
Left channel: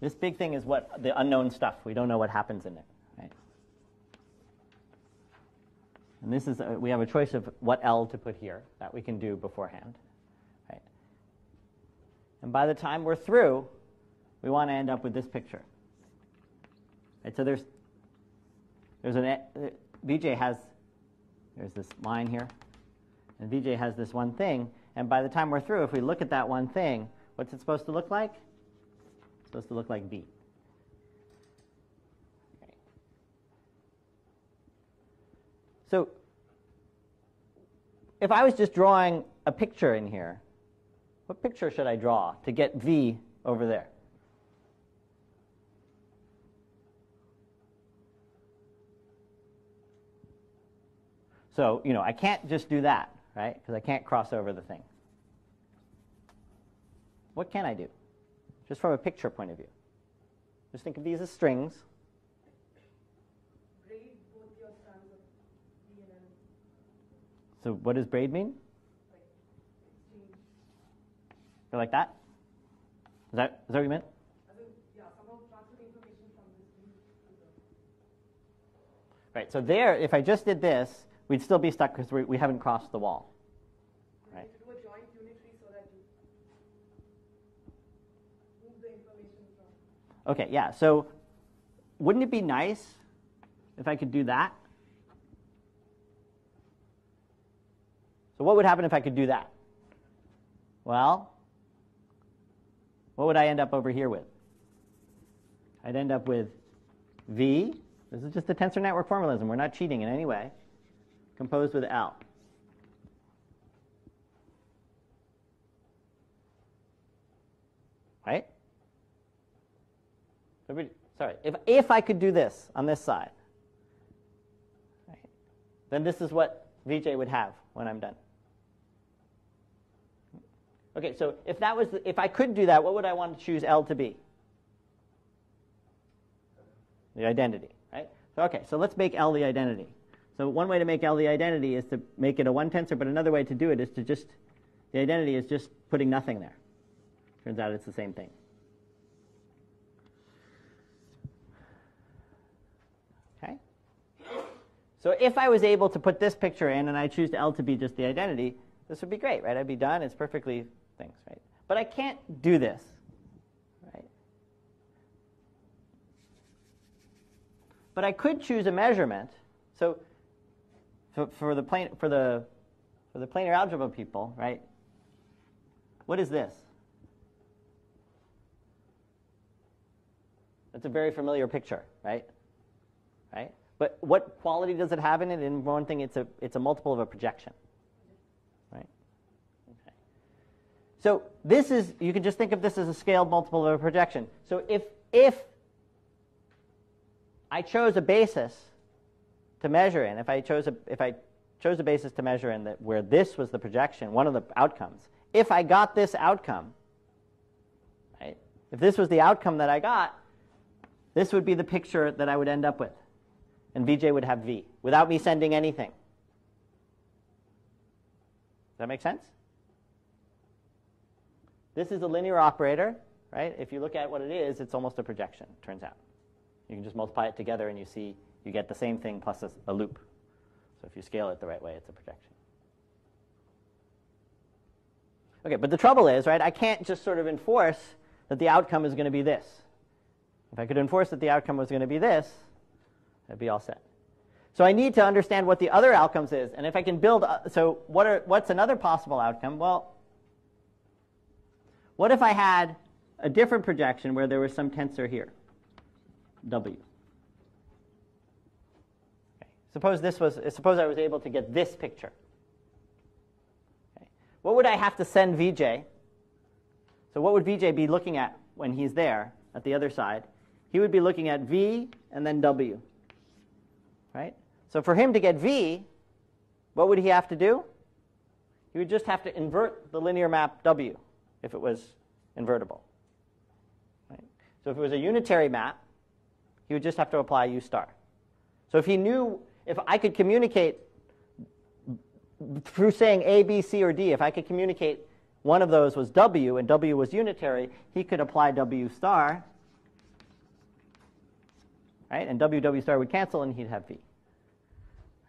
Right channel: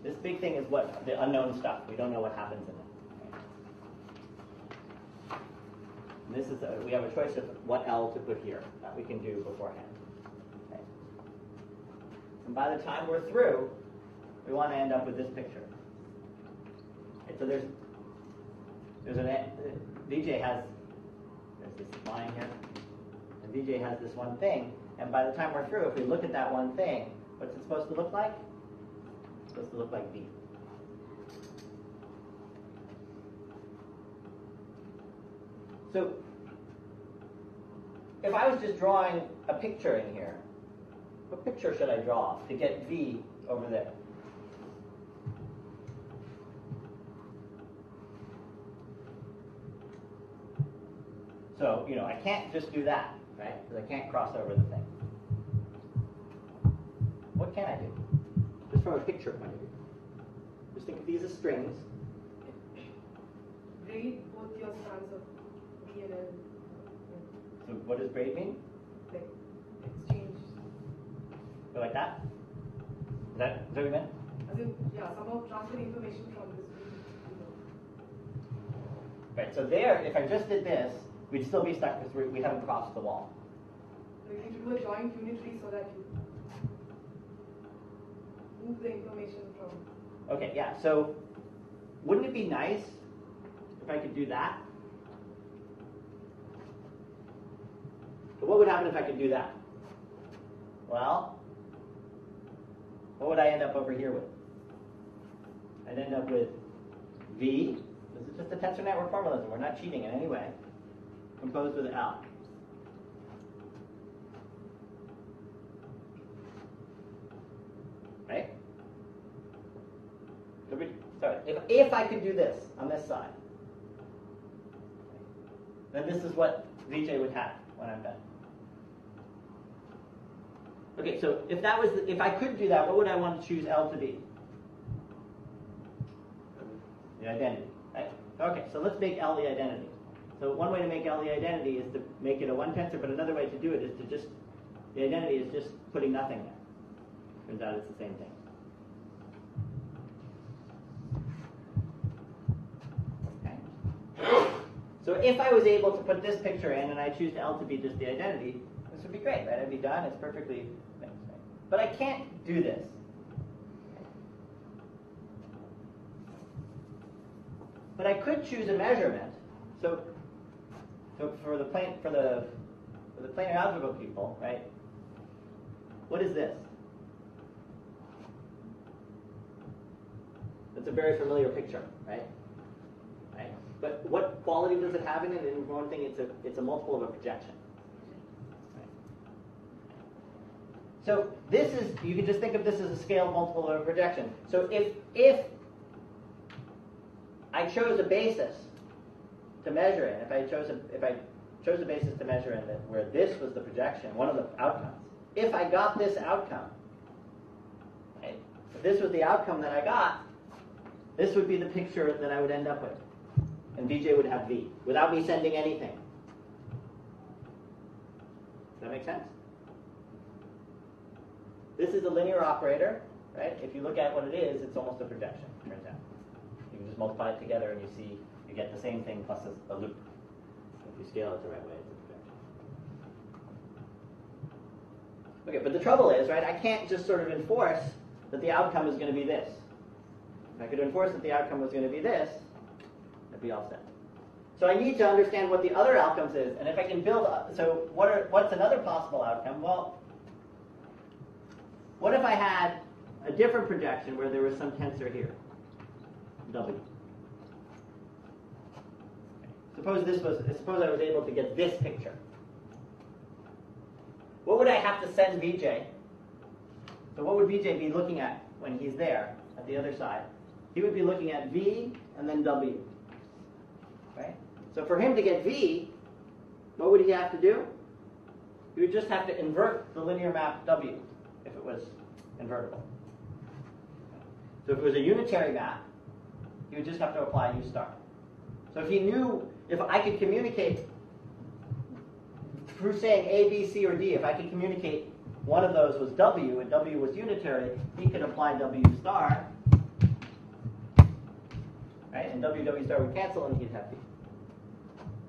This big thing is what the unknown stuff. We don't know what happens in it. Okay? And this is we have a choice of what L to put here that we can do beforehand. Okay? And by the time we're through, we want to end up with this picture. Right? So there's VJ has, there's this line here, and VJ has this one thing, and by the time we're through, if we look at that one thing, what's it supposed to look like? It's supposed to look like V. So if I was just drawing a picture in here, what picture should I draw to get V over there? So, I can't just do that, right? Because I can't cross over the thing. What can I do? Just from a picture point of view. Just think of these as strings. Braid both your strands of B and L. So what does braid mean? Like exchange. Go like that? Is that what you meant? As in, somehow transfer information from this to the. Right, so there, if I just did this, we'd still be stuck because we haven't crossed the wall. Like you do a joint unitary so that you move the information from. Okay, yeah, so wouldn't it be nice if I could do that? So what would happen if I could do that? Well, what would I end up over here with? I'd end up with V. This is just a tensor network formalism. We're not cheating in any way. Composed with L. Right? Sorry, if I could do this on this side, right, then this is what VJ would have when I'm done. Okay, so if I could do that, what would I want to choose L to be? The identity, right? Okay, so let's make L the identity. So one way to make L the identity is to make it a one tensor, but another way to do it is to just, the identity is just putting nothing there. Turns out it's the same thing. So if I was able to put this picture in and I choose L to be just the identity, this would be great, right? I'd be done. It's perfectly things, right? But I can't do this. Right? But I could choose a measurement. So for the planar algebra people, right? What is this? It's a very familiar picture, right? Right? But what quality does it have in it? In one thing, it's a multiple of a projection. Right? So this is, you can just think of this as a scaled multiple of a projection. So if I chose a basis to measure in, if I chose a basis to measure in that where this was the projection, one of the outcomes, if I got this outcome, right? If this was the outcome that I got, this would be the picture that I would end up with. And Vj would have V, without me sending anything. Does that make sense? This is a linear operator, right? If you look at what it is, it's almost a projection, turns out. You can just multiply it together and you get the same thing plus a loop. So if you scale it the right way, it's a projection. Okay, but the trouble is, right, I can't just sort of enforce that the outcome is going to be this. If I could enforce that the outcome was going to be this, that'd be all set. So I need to understand what the other outcomes is, and if I can build, so what's another possible outcome? Well, what if I had a different projection where there was some tensor here, W? Okay. Suppose I was able to get this picture. Okay. What would I have to send Vj? So what would Vj be looking at when he's there at the other side? He would be looking at V and then W. Right? So for him to get V, what would he have to do? He would just have to invert the linear map W if it was invertible. Right? So if it was a unitary map, he would just have to apply U star. So if I could communicate through saying A, B, C, or D, if I could communicate one of those was W and W was unitary, he could apply W star. Right? And W star would cancel and he'd have V.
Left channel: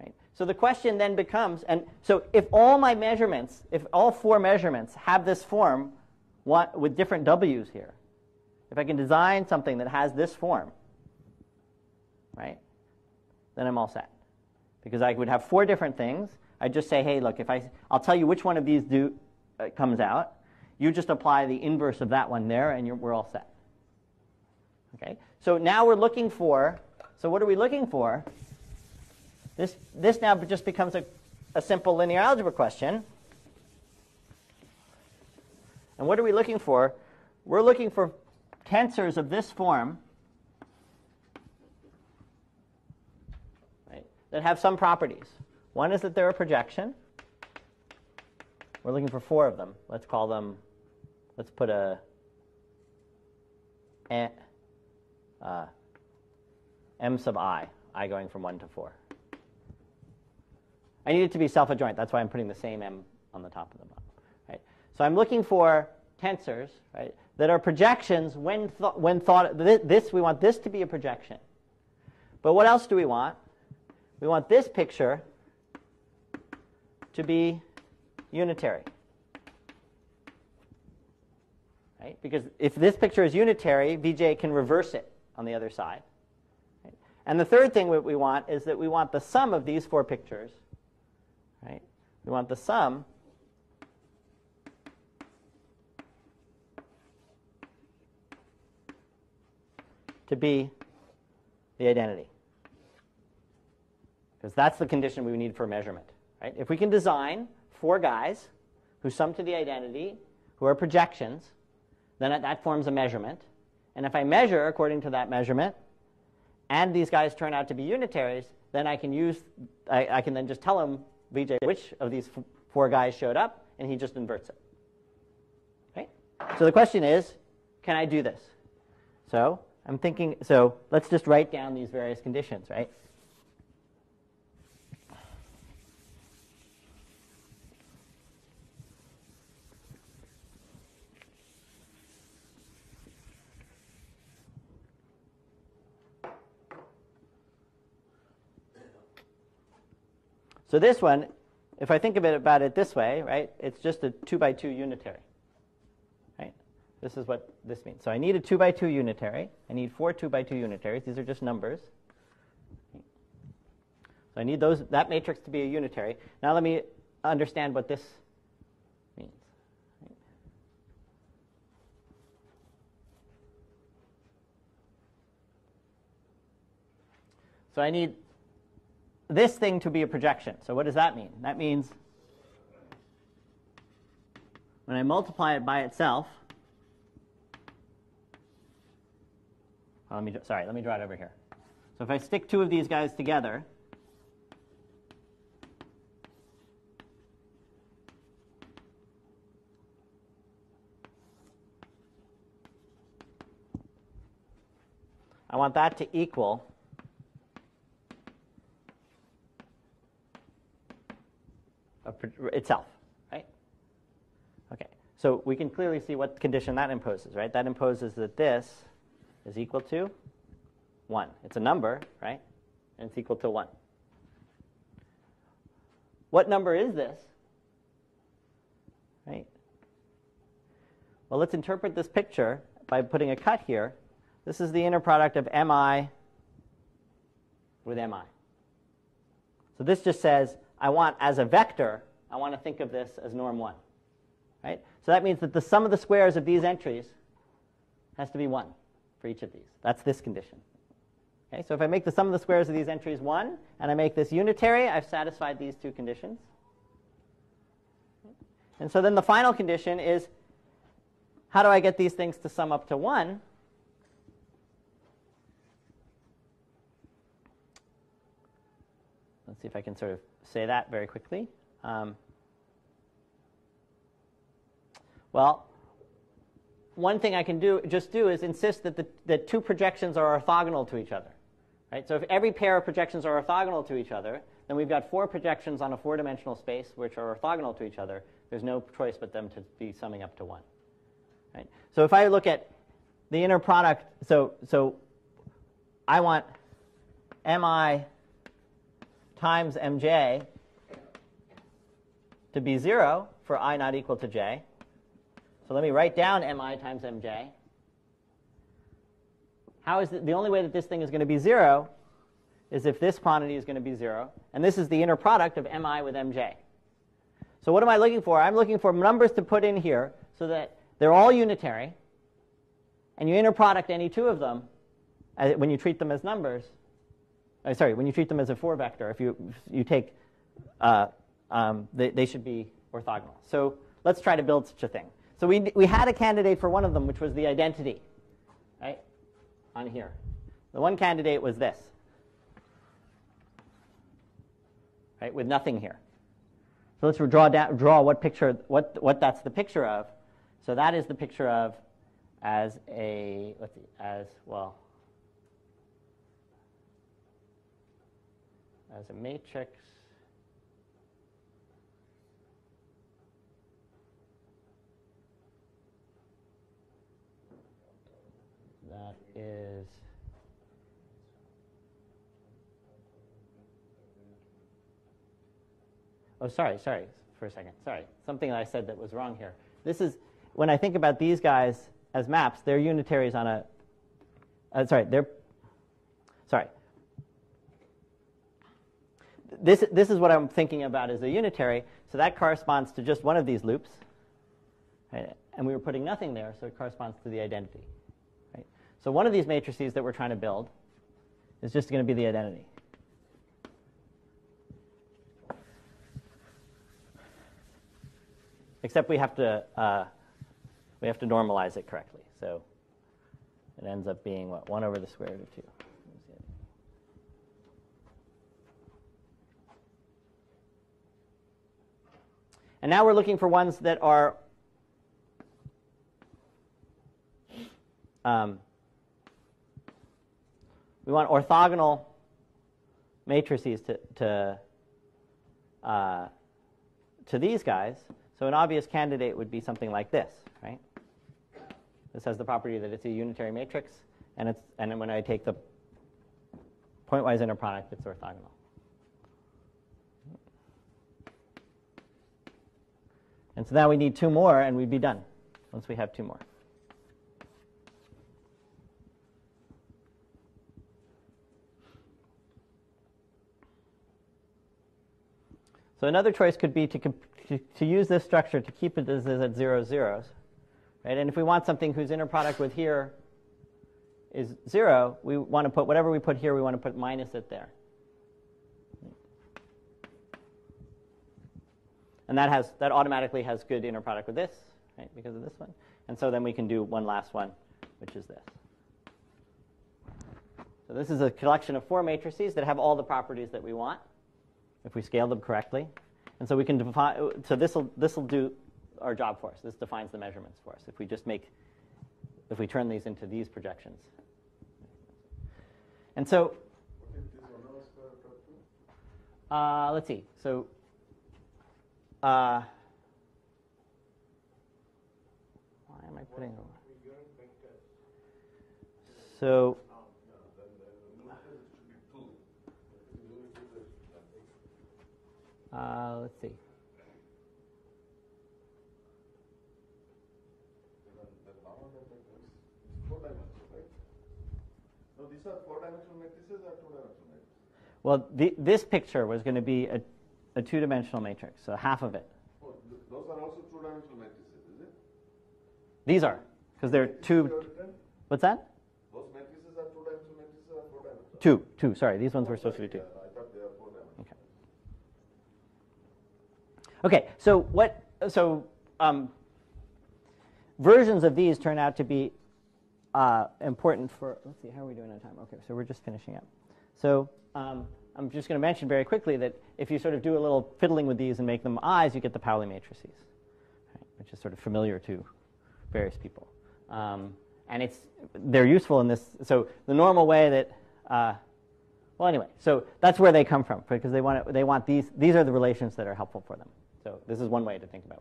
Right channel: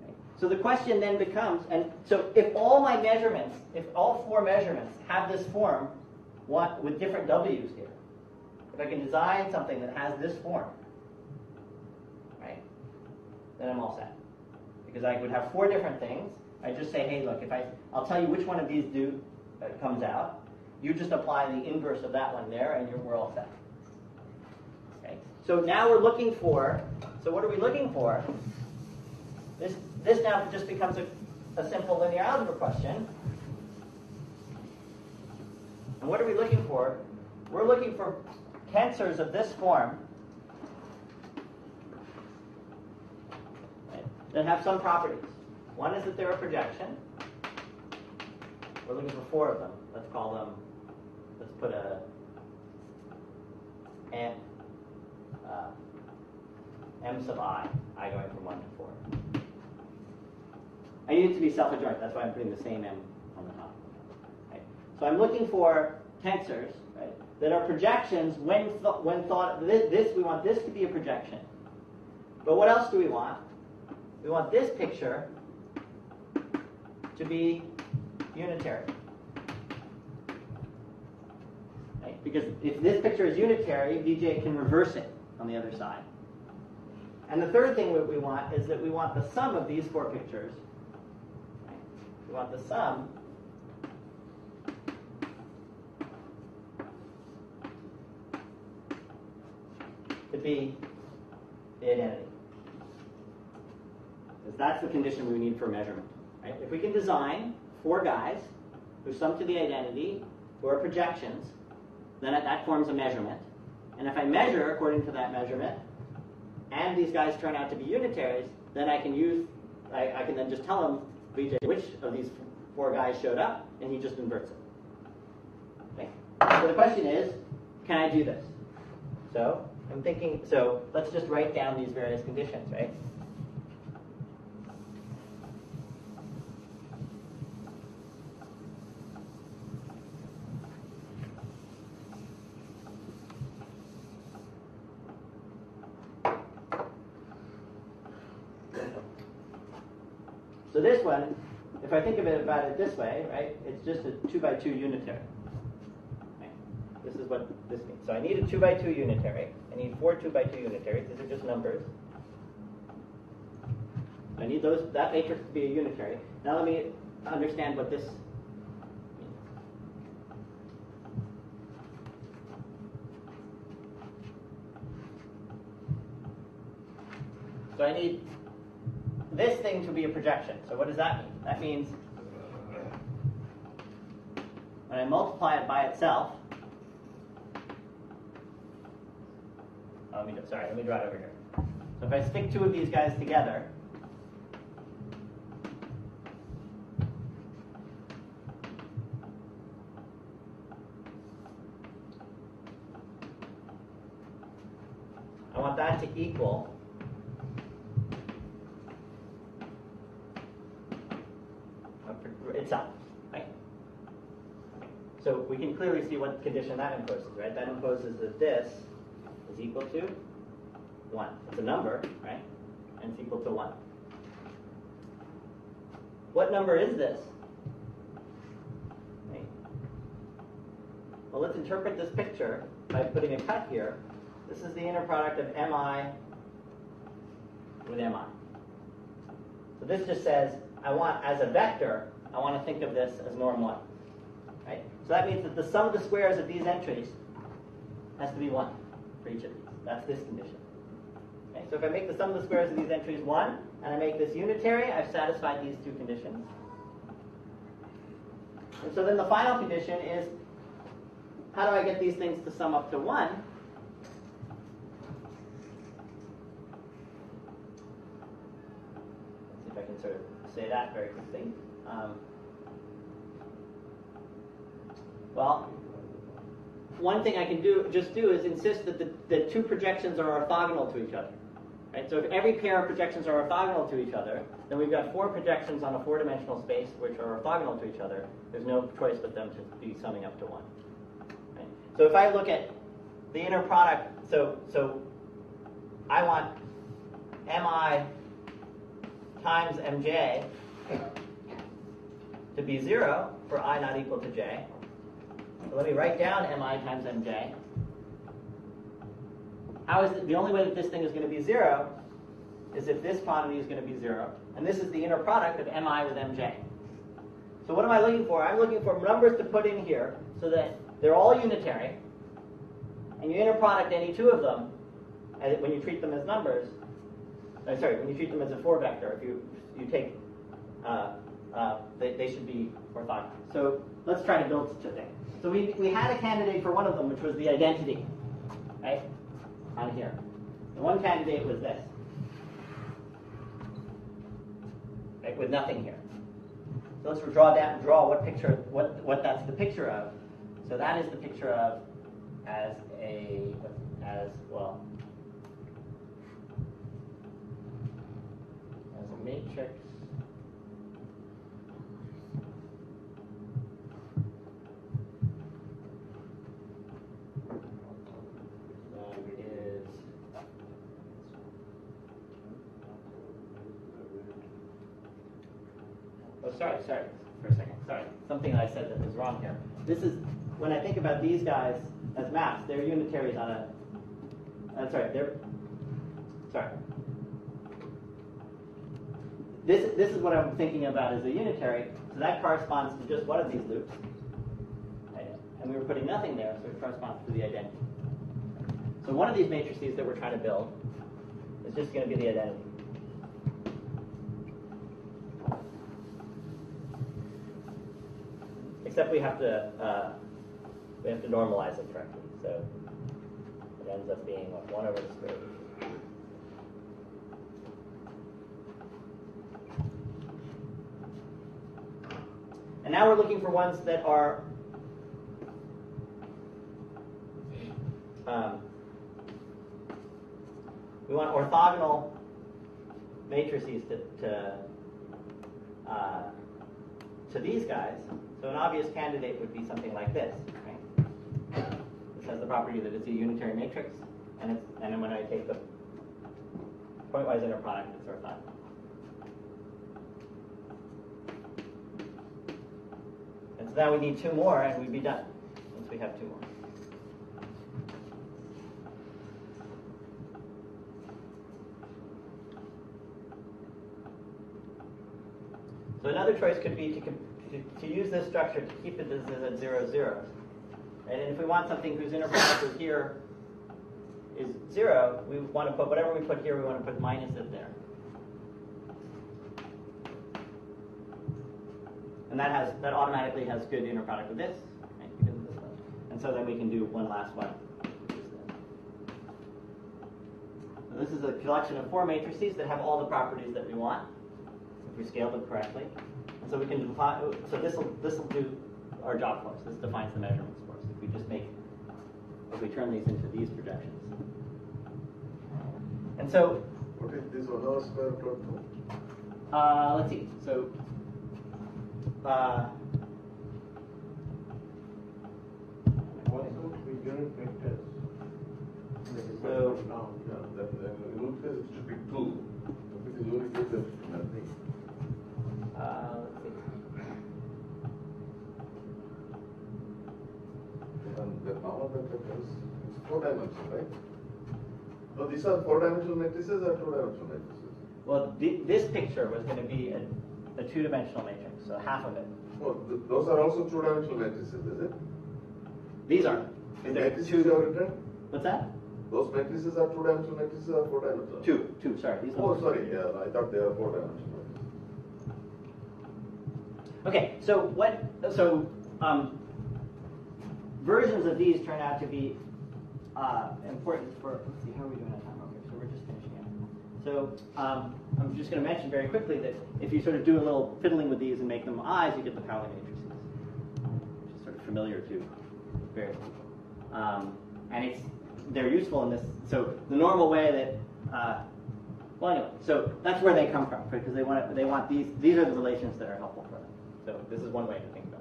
Right? So the question then becomes, and so if all my measurements, if all four measurements have this form with different W's here, if I can design something that has this form, right, then I'm all set. Because I would have four different things. I'd just say, hey, look, I'll tell you which one of these comes out. You just apply the inverse of that one there, and we're all set. Okay. So now we're looking for, so what are we looking for? This now just becomes a simple linear algebra question. And what are we looking for? We're looking for tensors of this form that have some properties. One is that they're a projection. We're looking for four of them. Let's call them, let's put m sub I going from 1 to 4. I need it to be self-adjoint. That's why I'm putting the same m on the top of them. Right? So I'm looking for tensors, right, that are projections when thought. We want this to be a projection. But what else do we want? We want this picture to be unitary. Right? Because if this picture is unitary, Vj can reverse it on the other side. And the third thing that we want is that we want the sum of these four pictures. Right? We want the sum to be the identity. Because that's the condition we need for measurement. Right? If we can design four guys who sum to the identity, who are projections, then that forms a measurement. And if I measure according to that measurement, and these guys turn out to be unitaries, then I can then just tell him, Vj, which of these four guys showed up, and he just inverts it. Okay? So the question is, can I do this? So I'm thinking, so let's just write down these various conditions, right? So this one, if I think about it this way, right, it's just a 2 by 2 unitary. Right? This is what this means. So I need a 2 by 2 unitary. I need 4 2 by 2 unitaries. These are just numbers. So I need that matrix to be a unitary. Now let me understand what this means. So I need this thing to be a projection. So what does that mean? That means when I multiply it by itself, let me draw it over here. So if I stick two of these guys together, I want that to equal itself, right? Okay, so we can clearly see what condition that imposes, right? That imposes that this is equal to 1. It's a number, right? And it's equal to 1. What number is this? Right? Well, let's interpret this picture by putting a cut here. This is the inner product of mi with mi. So this just says, I want, as a vector, I want to think of this as norm 1. Right? So that means that the sum of the squares of these entries has to be 1 for each of these. That's this condition. Okay? So if I make the sum of the squares of these entries 1, and I make this unitary, I've satisfied these two conditions. And so then the final condition is, how do I get these things to sum up to 1? Let's see if I can sort of say that very quickly. Well, one thing I can do is insist that the two projections are orthogonal to each other. Right? So if every pair of projections are orthogonal to each other, then we've got 4 projections on a 4-dimensional space which are orthogonal to each other. There's no choice but them to be summing up to 1. Right? So if I look at the inner product, so I want mi times mj to be 0 for I not equal to j. So let me write down mi times mj. How is it, the only way that this thing is going to be 0 is if this quantity is going to be 0. And this is the inner product of mi with mj. So what am I looking for? I'm looking for numbers to put in here so that they're all unitary. And you inner product any two of them when you treat them as numbers. When you treat them as a 4 vector, if you take, they should be orthogonal. So let's try to build such a thing. So we had a candidate for one of them, which was the identity, right, on here. The one candidate was this, right, with nothing here. So let's draw what picture, what that's the picture of. So that is the picture of as a matrix that is sorry for a second. Sorry, something I said that was wrong here. This is when I think about these guys as maps, they're unitaries on a This is what I'm thinking about as a unitary, so that corresponds to just one of these loops. Right? And we were putting nothing there, so it corresponds to the identity. Okay? So one of these matrices that we're trying to build is just going to be the identity. Except we have to normalize it correctly. So it ends up being, 1 over the square root of 2. And now we're looking for ones that are we want orthogonal matrices to these guys. So an obvious candidate would be something like this, right? This has the property that it's a unitary matrix, and then when I take the pointwise inner product, it's orthogonal. And so now we need 2 more, and we'd be done once we have 2 more. So another choice could be to use this structure to keep it as at 0, 0s. Right? And if we want something whose inner product with here is 0, we want to put whatever we put here, we want to put minus it there. And that automatically has good inner product with this, right, because of this one. And so then we can do one last one, which is this. So this is a collection of 4 matrices that have all the properties that we want, if we scale them correctly. And so we can define, so this will do our job for us. This defines the measurements for us. If we turn these into these projections. And so, what is this 1 over square plot to? let's see. So, What would be unit vectors? so Now, Yeah, then unit case it should be 2. If it is unit case, there should be nothing. let's see. And the normal vector is 4-dimensional, right? No, these are 4-dimensional matrices or 2-dimensional matrices? Well, this picture was going to be a 2-dimensional matrix, so half of it. Well, those are also 2-dimensional matrices, is it? These are, because they're Matrices you 2. have written? What's that? Those matrices are 2-dimensional matrices or 4-dimensional? 2. Sorry, these ones Oh, were supposed to sorry, be 2. yeah, I thought they were 4-dimensional. Okay, so versions of these turn out to be important for, let's see, how are we doing on time? Okay, so we're just finishing up. So I'm just going to mention very quickly that if you sort of do a little fiddling with these and make them eyes, you get the Paulie matrices, which is sort of familiar to various people. And they're useful in this. So the normal way that, well, anyway, so that's where they come from, because they want these are the relations that are helpful for them. So this is one way to think about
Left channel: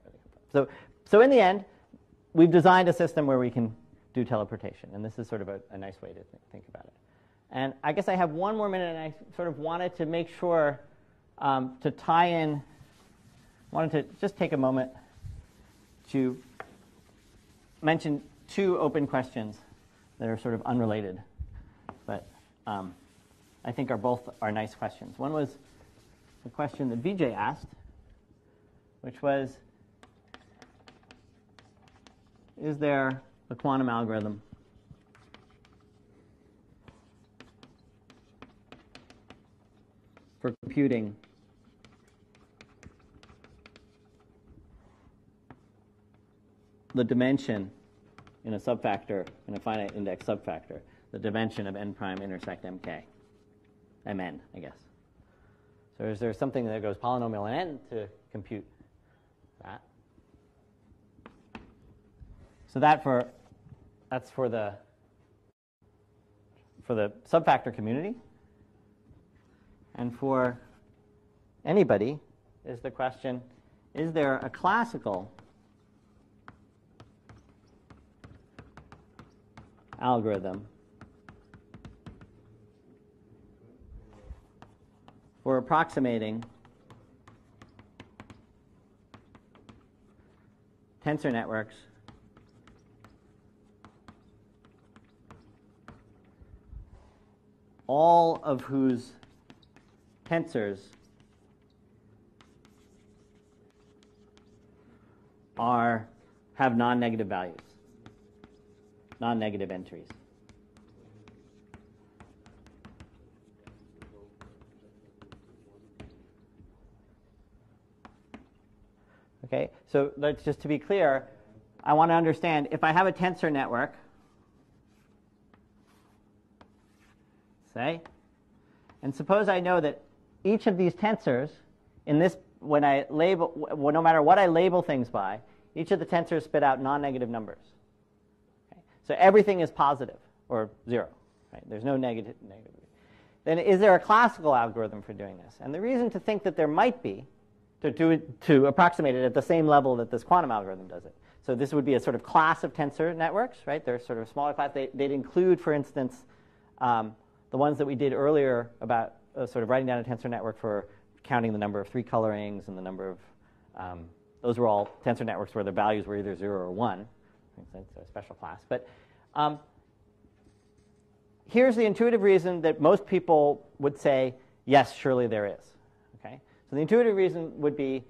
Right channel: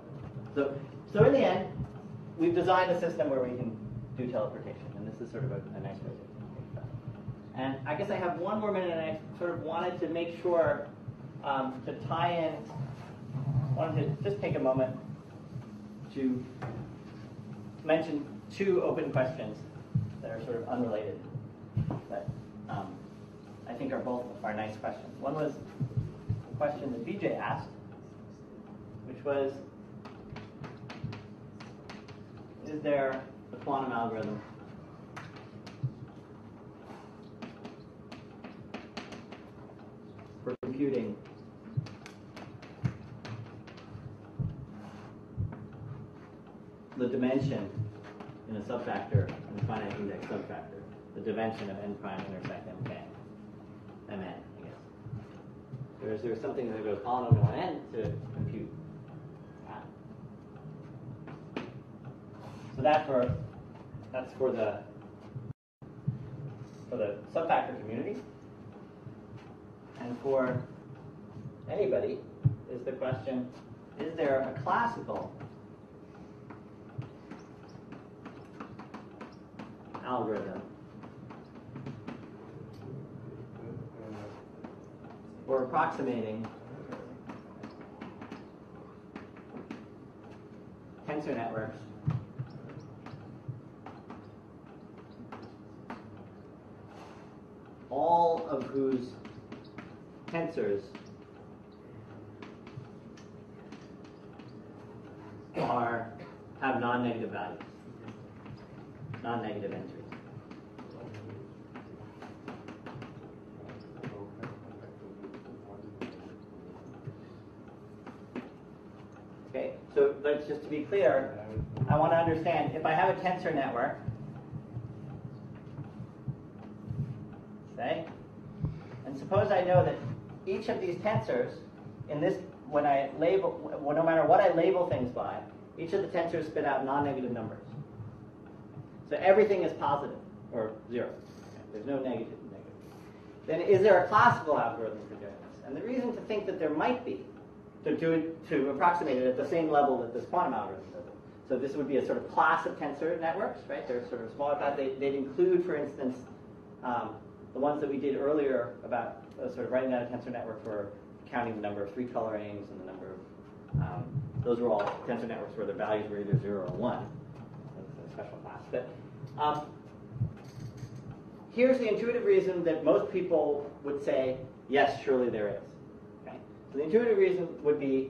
it. So in the end, we've designed a system where we can do teleportation, and this is sort of a nice way to think about it. And I guess I have one more minute, and I sort of wanted to make sure to tie in, wanted to just take a moment to mention 2 open questions that are sort of unrelated, but I think are nice questions. One was a question that Vijay asked, which was, is there a quantum algorithm for computing the dimension in a subfactor, in a finite index subfactor, the dimension of n prime intersect mk, mn, I guess. So is there something that goes polynomial in n to compute that? So that's for the subfactor community. And for anybody is the question, is there a classical algorithm for approximating tensor networks all of whose tensors have non-negative values, non-negative entries. Okay, so let's just to be clear, I want to understand if I have a tensor network, say, and suppose I know that each of these tensors in this, when I label, no matter what I label things by, each of the tensors spit out non-negative numbers. So everything is positive or 0. Right? There's no negative. Then is there a classical algorithm for doing this? And the reason to think that there might be, to approximate it at the same level that this quantum algorithm does it. So this would be a sort of class of tensor networks, right? They're sort of smaller class. They'd include, for instance, the ones that we did earlier about sort of writing down a tensor network for counting the number of 3 colorings and the number of Those were all tensor networks where the values were either 0 or 1. It's a special class. But here's the intuitive reason that most people would say, yes, surely there is. Okay? So the intuitive reason would be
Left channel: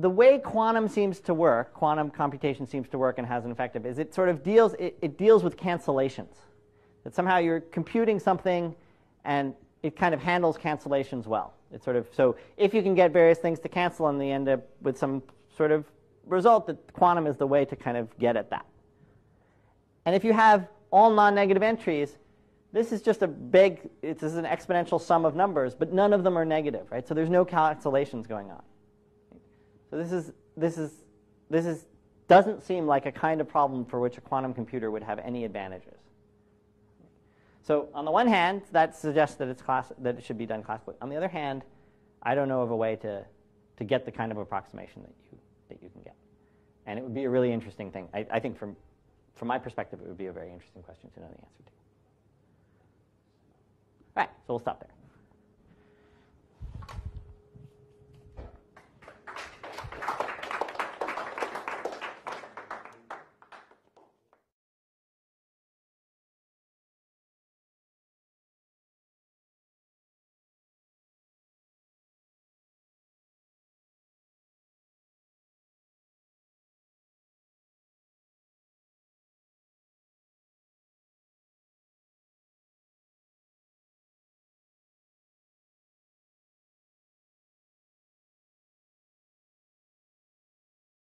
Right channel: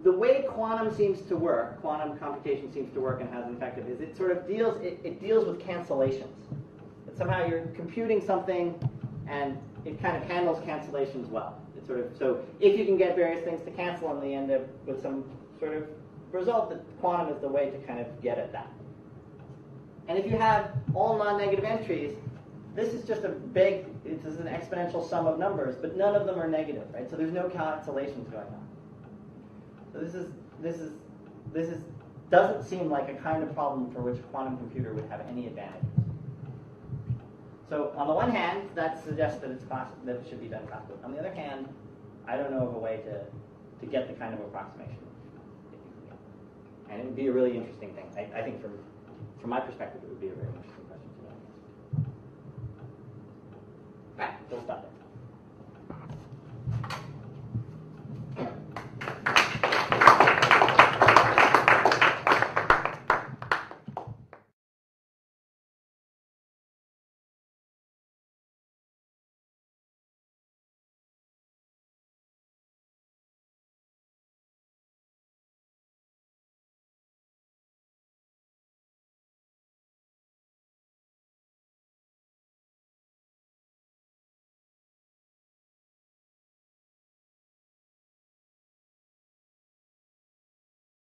the way quantum seems to work, quantum computation seems to work and has an effective, is it sort of deals, it deals with cancellations. That somehow you're computing something and it kind of handles cancellations well. It's sort of, so if you can get various things to cancel and they end up with some sort of result, that quantum is the way to kind of get at that. And if you have all non-negative entries, this is just a big, this is an exponential sum of numbers, but none of them are negative, right? So there's no cancellations going on. So this doesn't seem like a kind of problem for which a quantum computer would have any advantages. So on the one hand, that suggests that that it should be done classically. On the other hand, I don't know of a way to get the kind of approximation that you can get. And it would be a really interesting thing. I think from my perspective, it would be a very interesting question to know the answer to. All right, so we'll stop there.